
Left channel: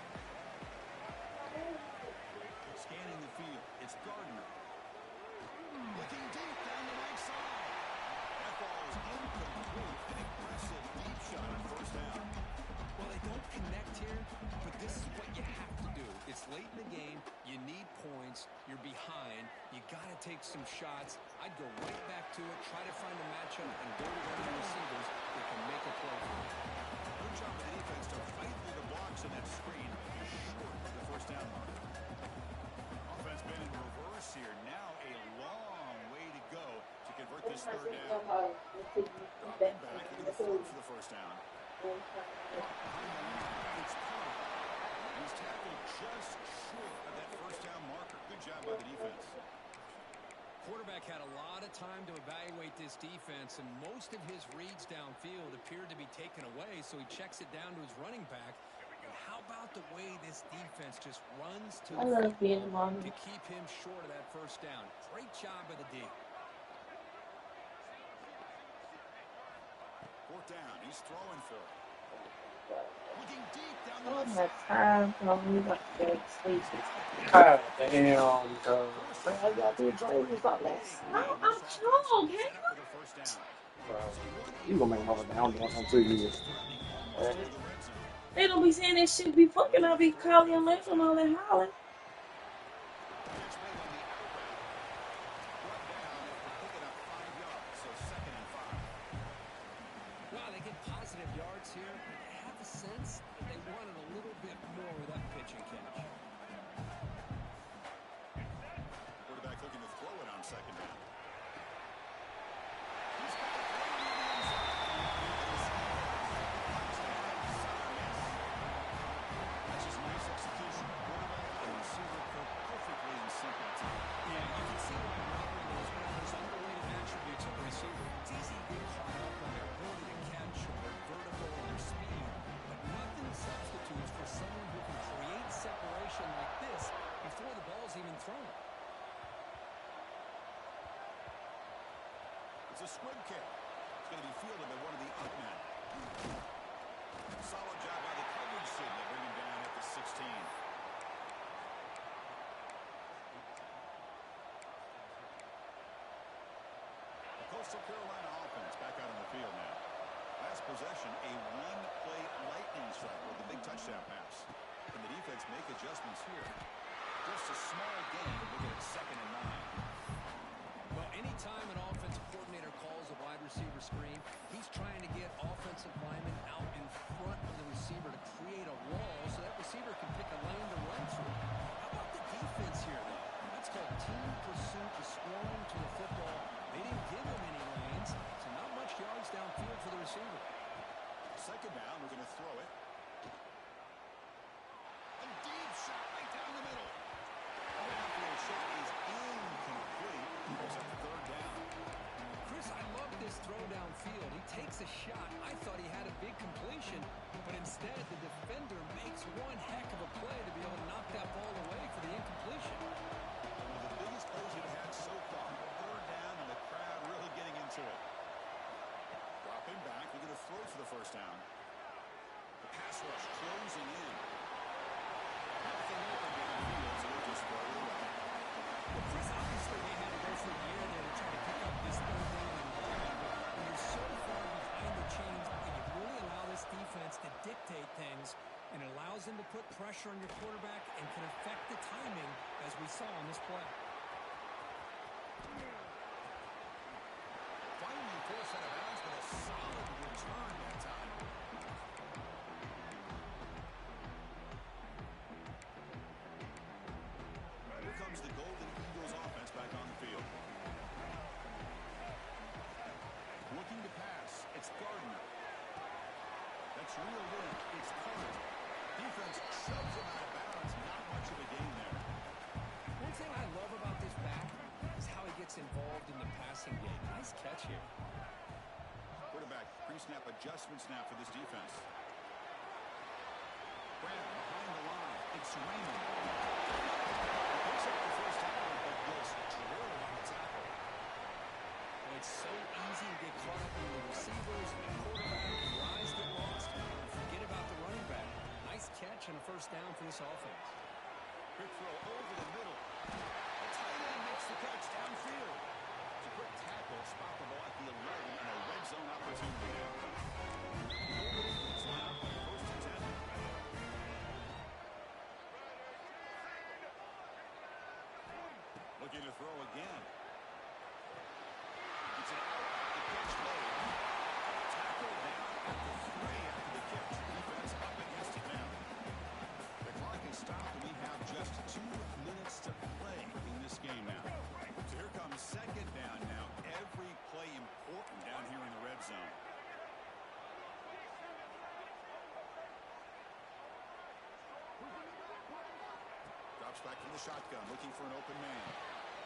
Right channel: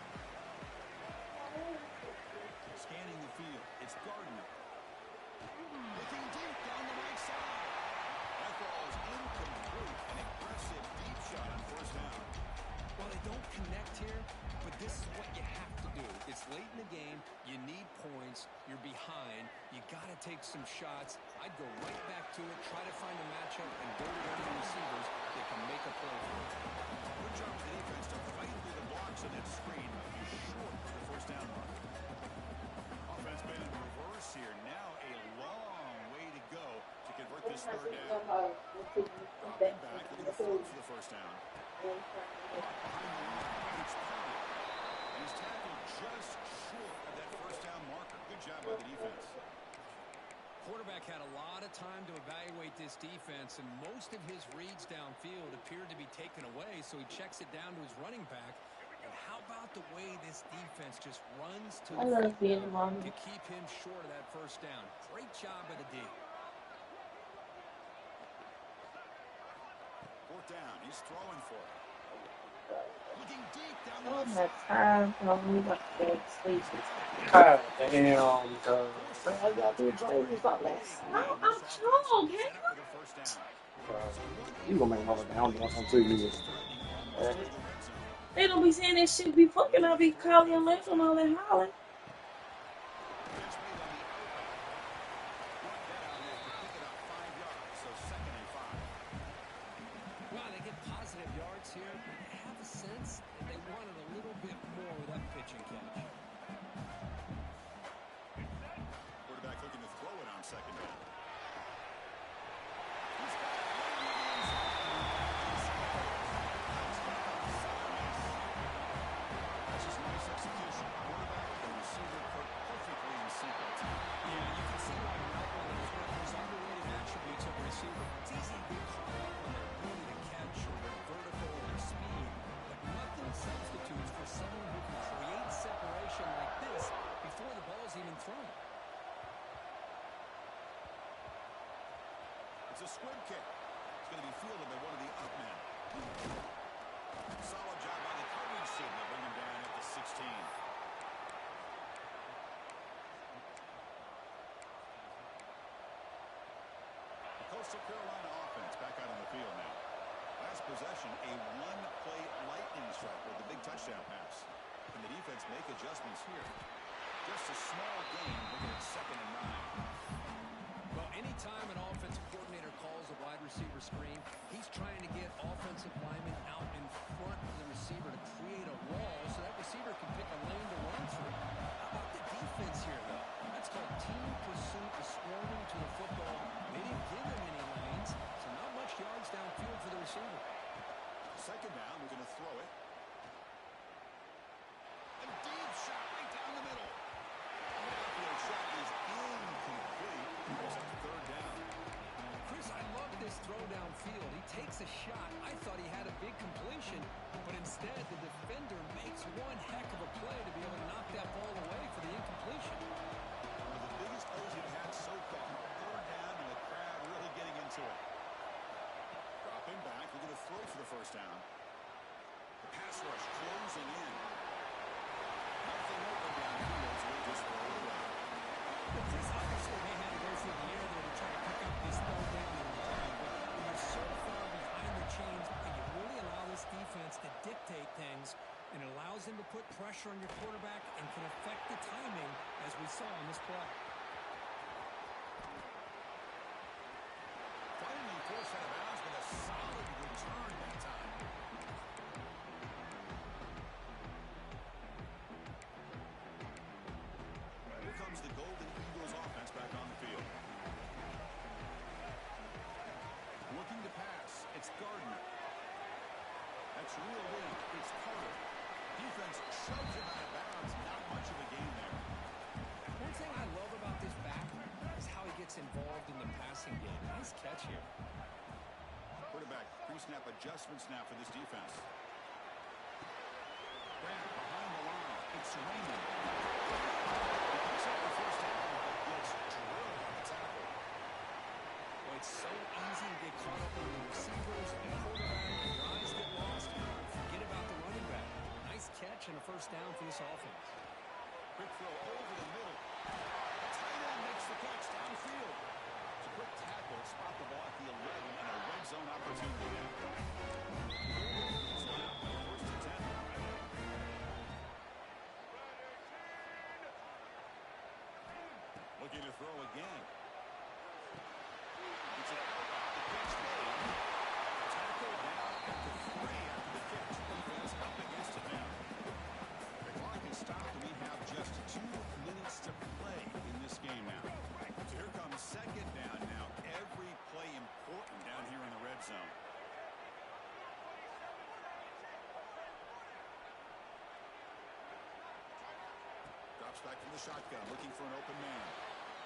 Scanning the field. It's Gardner. Looking deep down the right side. That ball is incomplete. An aggressive deep shot on first down. Well, they don't connect here, but this is what you have to do. It's late in the game. You need points. You're behind. You got to take some shots. I'd go right back to it, try to find a matchup, and go to one of the receivers that can make a play for you. Good job of the defense to fight through the blocks on that screen. Short of the first down mark. Offense been in reverse here. Now a long way to go to convert this third down. Dropping back, looking to throw for the first down. Behind the line, it's Pollard. And he's tackled just short of that first down marker. Good job by the defense. Quarterback had a lot of time to evaluate this defense, and most of his reads downfield appeared to be taken away, so he checks it down to his running back. And how about the way this defense just runs to the football to keep him short of that first down? Great job by the D. Fourth down, he's throwing for it. Looking deep down the I don't left have side. time for me to go to sleep. God damn. I got these blazers on this. I'm strong, Set up with a first down. So one You gonna make another down doing something to you. threatening almost into the red zone. They don't be saying that shit be fucking. I be calling and letting all that hollering. Catch made on the outbound. Brought down after picking up 5 yards, so 2nd and 5. Wow, they get positive yards here, but I have a sense that they wanted a little bit more with that pitch and catch. Quarterback looking to throw it on 2nd down. He's got it way near the end zone. And he scores. Touchdown, Southern Miss. That's just nice execution. Quarterback and receiver perfectly in sync that time. Yeah, you can see why route running is one of those underrated attributes of a receiver. It's easy to get caught up on their ability to catch or their vertical or their speed, but nothing substitutes for someone who can create separation like this before the ball's even thrown. It's a squib kick. It's going to be fielded by one of the up men. Solid job by the coverage team. They bring him down at the 16. The Coastal Carolina offense back out on the field now. Last possession, a one-play lightning strike with the big touchdown pass. Can the defense make adjustments here? Just a small gain, looking at 2nd and 9. Well, anytime an offensive coordinator calls a wide receiver screen, he's trying to get offensive linemen out in front of the receiver to create a wall so that receiver can pick a lane to run through. How about the defense here, though? That's called team pursuit, the swarming to the football. They didn't give him any lanes, so not much yards downfield for the receiver. 2nd down, we're going to throw it. A deep shot right down the middle. The downfield shot is incomplete. Brings up 3rd down. Chris, I love this throw downfield. He takes a shot. I thought he had a big completion, but instead the defender makes one heck of a play to be able to knock that ball away for the incompletion. One of the biggest plays we've had so far. 3rd down and the crowd really getting into it. Dropping back, we're going to throw for the first down. The pass rush closing in. Nothing open downfield, so we'll just throw it away. Well, Chris, obviously they had to go through the air there to try to pick up this 3rd down and long, but when you're so far behind the chains, and you really allow this defense to dictate things, and it allows them to put pressure on your quarterback and can affect the timing, as we saw on this play. Finally forced out of bounds with a solid return that time. gets reeled in. It's Carter. Defense shoves him out of bounds. Not much of a gain there. One thing I love about this back is how he gets involved in the passing game. Nice catch here. Quarterback pre-snap adjustment snap for this defense. Grab behind the line. It's Raymond. He picks up the first down, but gets drilled on the tackle. Well, it's so easy to get caught up in the receivers and the quarterback, and your eyes get lost. You forget about the running back. Nice catch and a first down for this offense. Quick throw over the middle. The tight end makes the catch downfield. It's a quick tackle. Spot the ball at the 11 and a red zone opportunity now. Golden Eagles line up on first and 10. Looking to throw again. It's an out. The catch made. Tackle down at the 3 after the catch. Defense up against it now. The clock is stopped and we have just 2 minutes to play in this game now. So here comes second down now. Every play important down here in the red zone. Drops back from the shotgun, looking for an open man.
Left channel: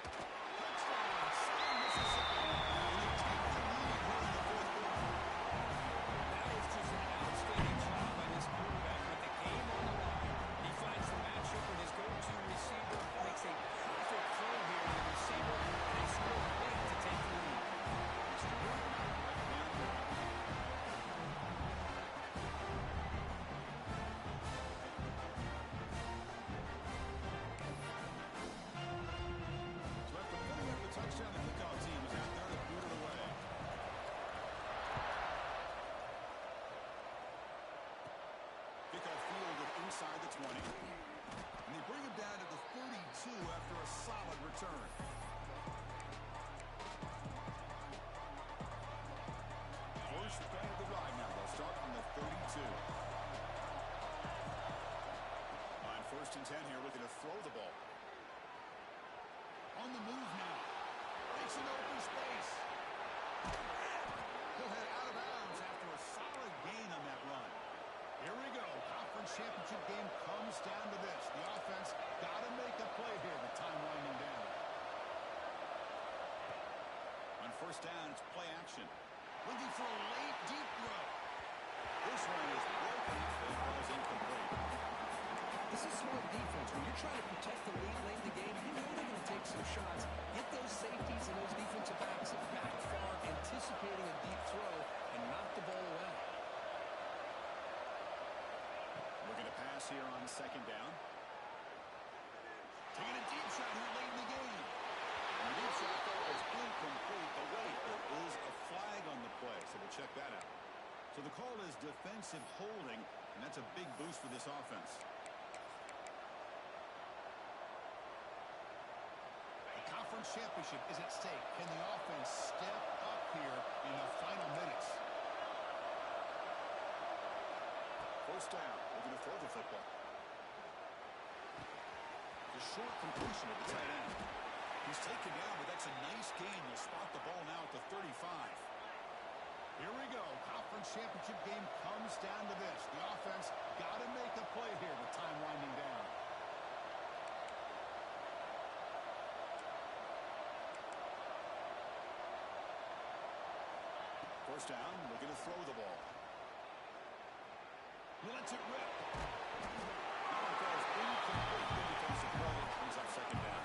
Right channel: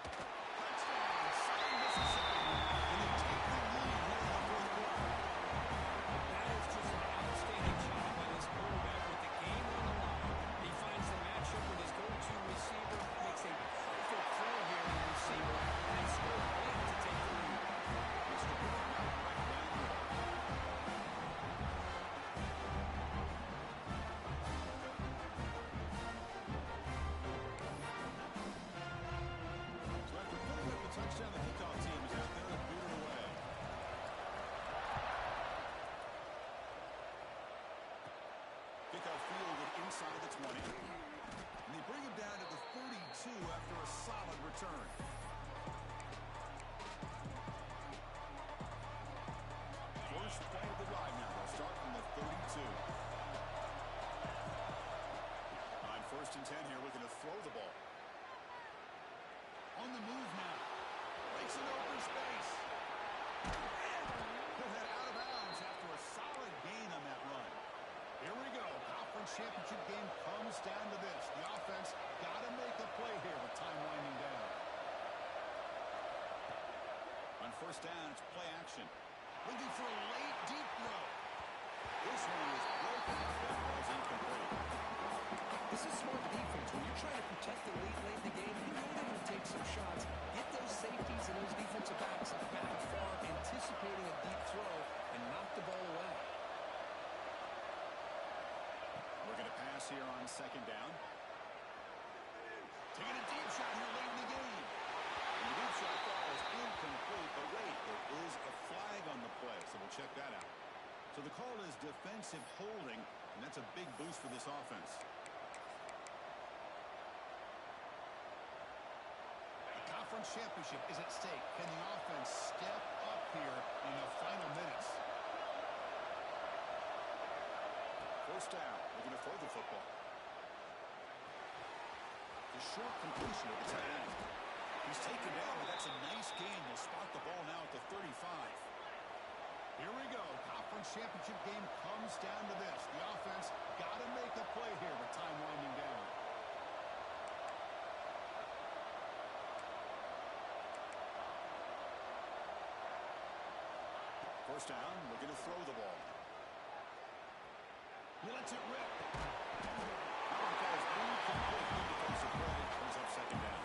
Touchdown, Southern Mississippi. And they take the lead here in the fourth quarter. That is just an outstanding job by this quarterback with the game on the line. He finds the matchup with his go-to receiver, makes a perfect throw here to the receiver, and they score late to take the lead. Mr. Whitlock right down there. So after putting up the touchdown, the kickoff team is out there to boot it away. Kickoff fielded inside the 20. And they bring him down to the 32 after a solid return. First play of the drive now. They'll start from the 32. On first and 10 here, looking to throw the ball. On the move now. Breaks an open space. He'll head out of bounds after a solid gain on that run. Here we go. Conference championship game comes down to this. The offense got to make a play here with time winding down. On first down, it's play action. Looking for a late deep throw. This one is broken up and falls incomplete. This is smart defense. When you're trying to protect the lead late in the game, you know they're going to take some shots. Get those safeties and those defensive backs back far, anticipating a deep throw, and knock the ball away. We're going to pass here on second down. Taking a deep shot here late in the game. And the deep shot falls incomplete. But wait, there is a flag on the play, so we'll check that out. So the call is defensive holding, and that's a big boost for this offense. The conference championship is at stake. Can the offense step up here in the final minutes? First down. We're going to throw the football. The short completion of the tight end. He's taken down, but that's a nice gain. They'll spot the ball now at the 35. Here we go. Conference championship game comes down to this. The offense got to make a play here with time winding down. First down. We're going to throw the ball. He lets it rip. That one falls incomplete. Good defensive play. Brings up second down.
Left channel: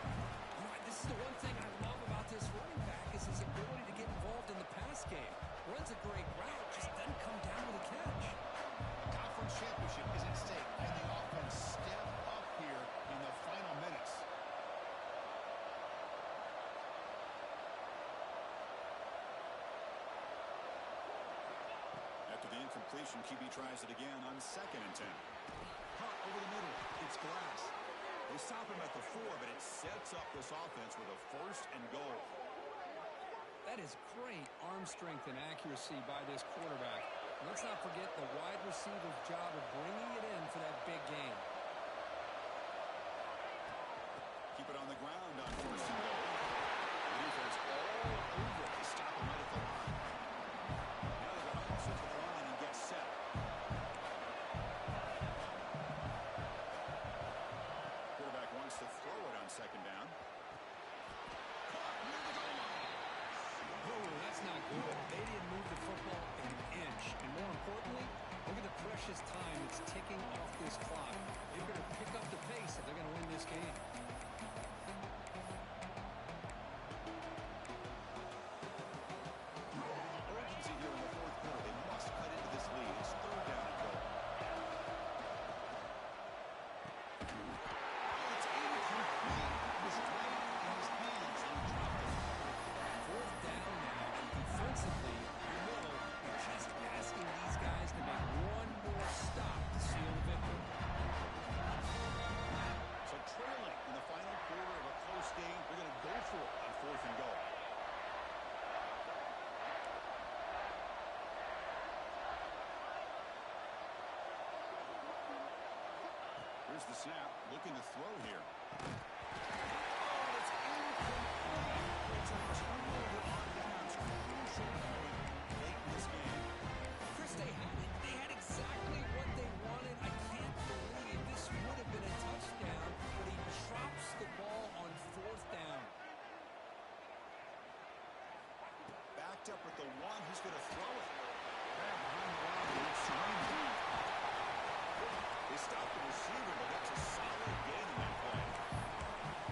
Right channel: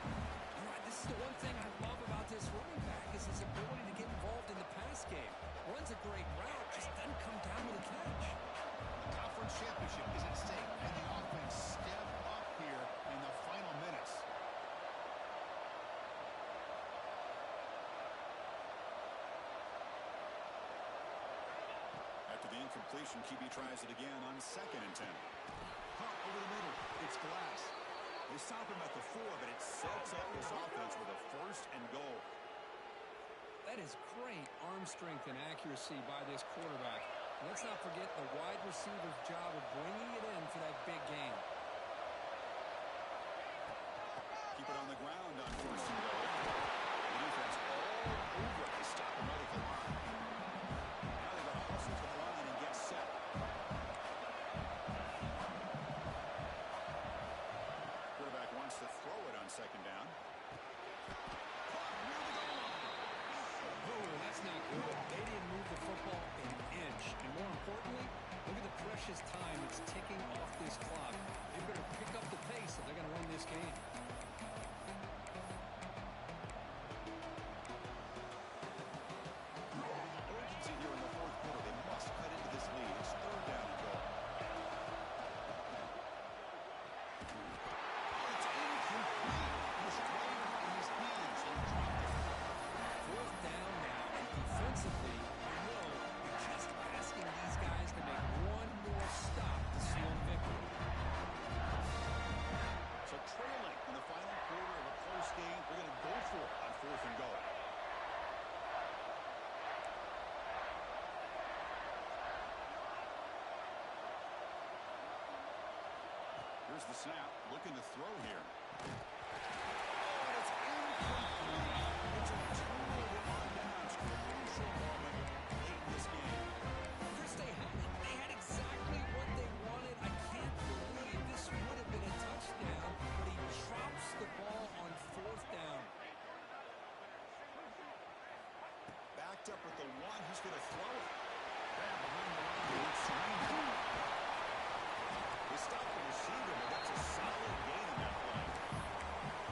You know, this is the one thing I love about this running back is his ability to get involved in the pass game. Runs a great route, just doesn't come down with a catch. The conference championship is at stake. Can the offense step up here in the final minutes? After the incompletion, QB tries it again on second and 10. Caught over the middle. It's Glass. They stop him at the 4, but it sets up this offense with a first and goal. That is great arm strength and accuracy by this quarterback. And let's not forget the wide receiver's job of bringing it in for that big game. Keep it on the ground on first and goal. The defense all over it. They stop him right at the line. Now they've got to hustle to the line and get set. precious time that's ticking off this clock. They better pick up the pace if they're going to win this game. Urgency here in the fourth quarter. They must cut into this lead. It's third down and goal. Oh, it's incomplete. It was right in his hands, and he dropped it. Fourth down now, and defensively, you're just asking these guys to make one more stop to seal the victory. So trailing in the final quarter of a close game, they're going to go for it on fourth and goal. Here's the snap, looking to throw here. Oh, and it's incomplete. It's a turnover on downs. Crucial moment late in this game. Chris, they had it. They had exactly what they wanted. I can't believe this would have been a touchdown, but he drops the ball on fourth down. Backed up at the one, he's going to throw it. Grab behind the line, and it's Serena. They stopped the receiver, but that's a solid gain in that play.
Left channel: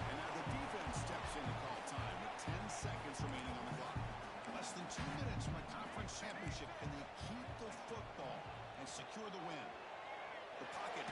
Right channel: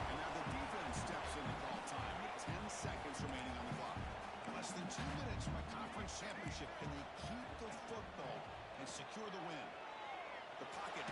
And now the defense steps in to call time with 10 seconds remaining on the clock. Less than 2 minutes from a conference championship. Can they keep the football and secure the win? The pocket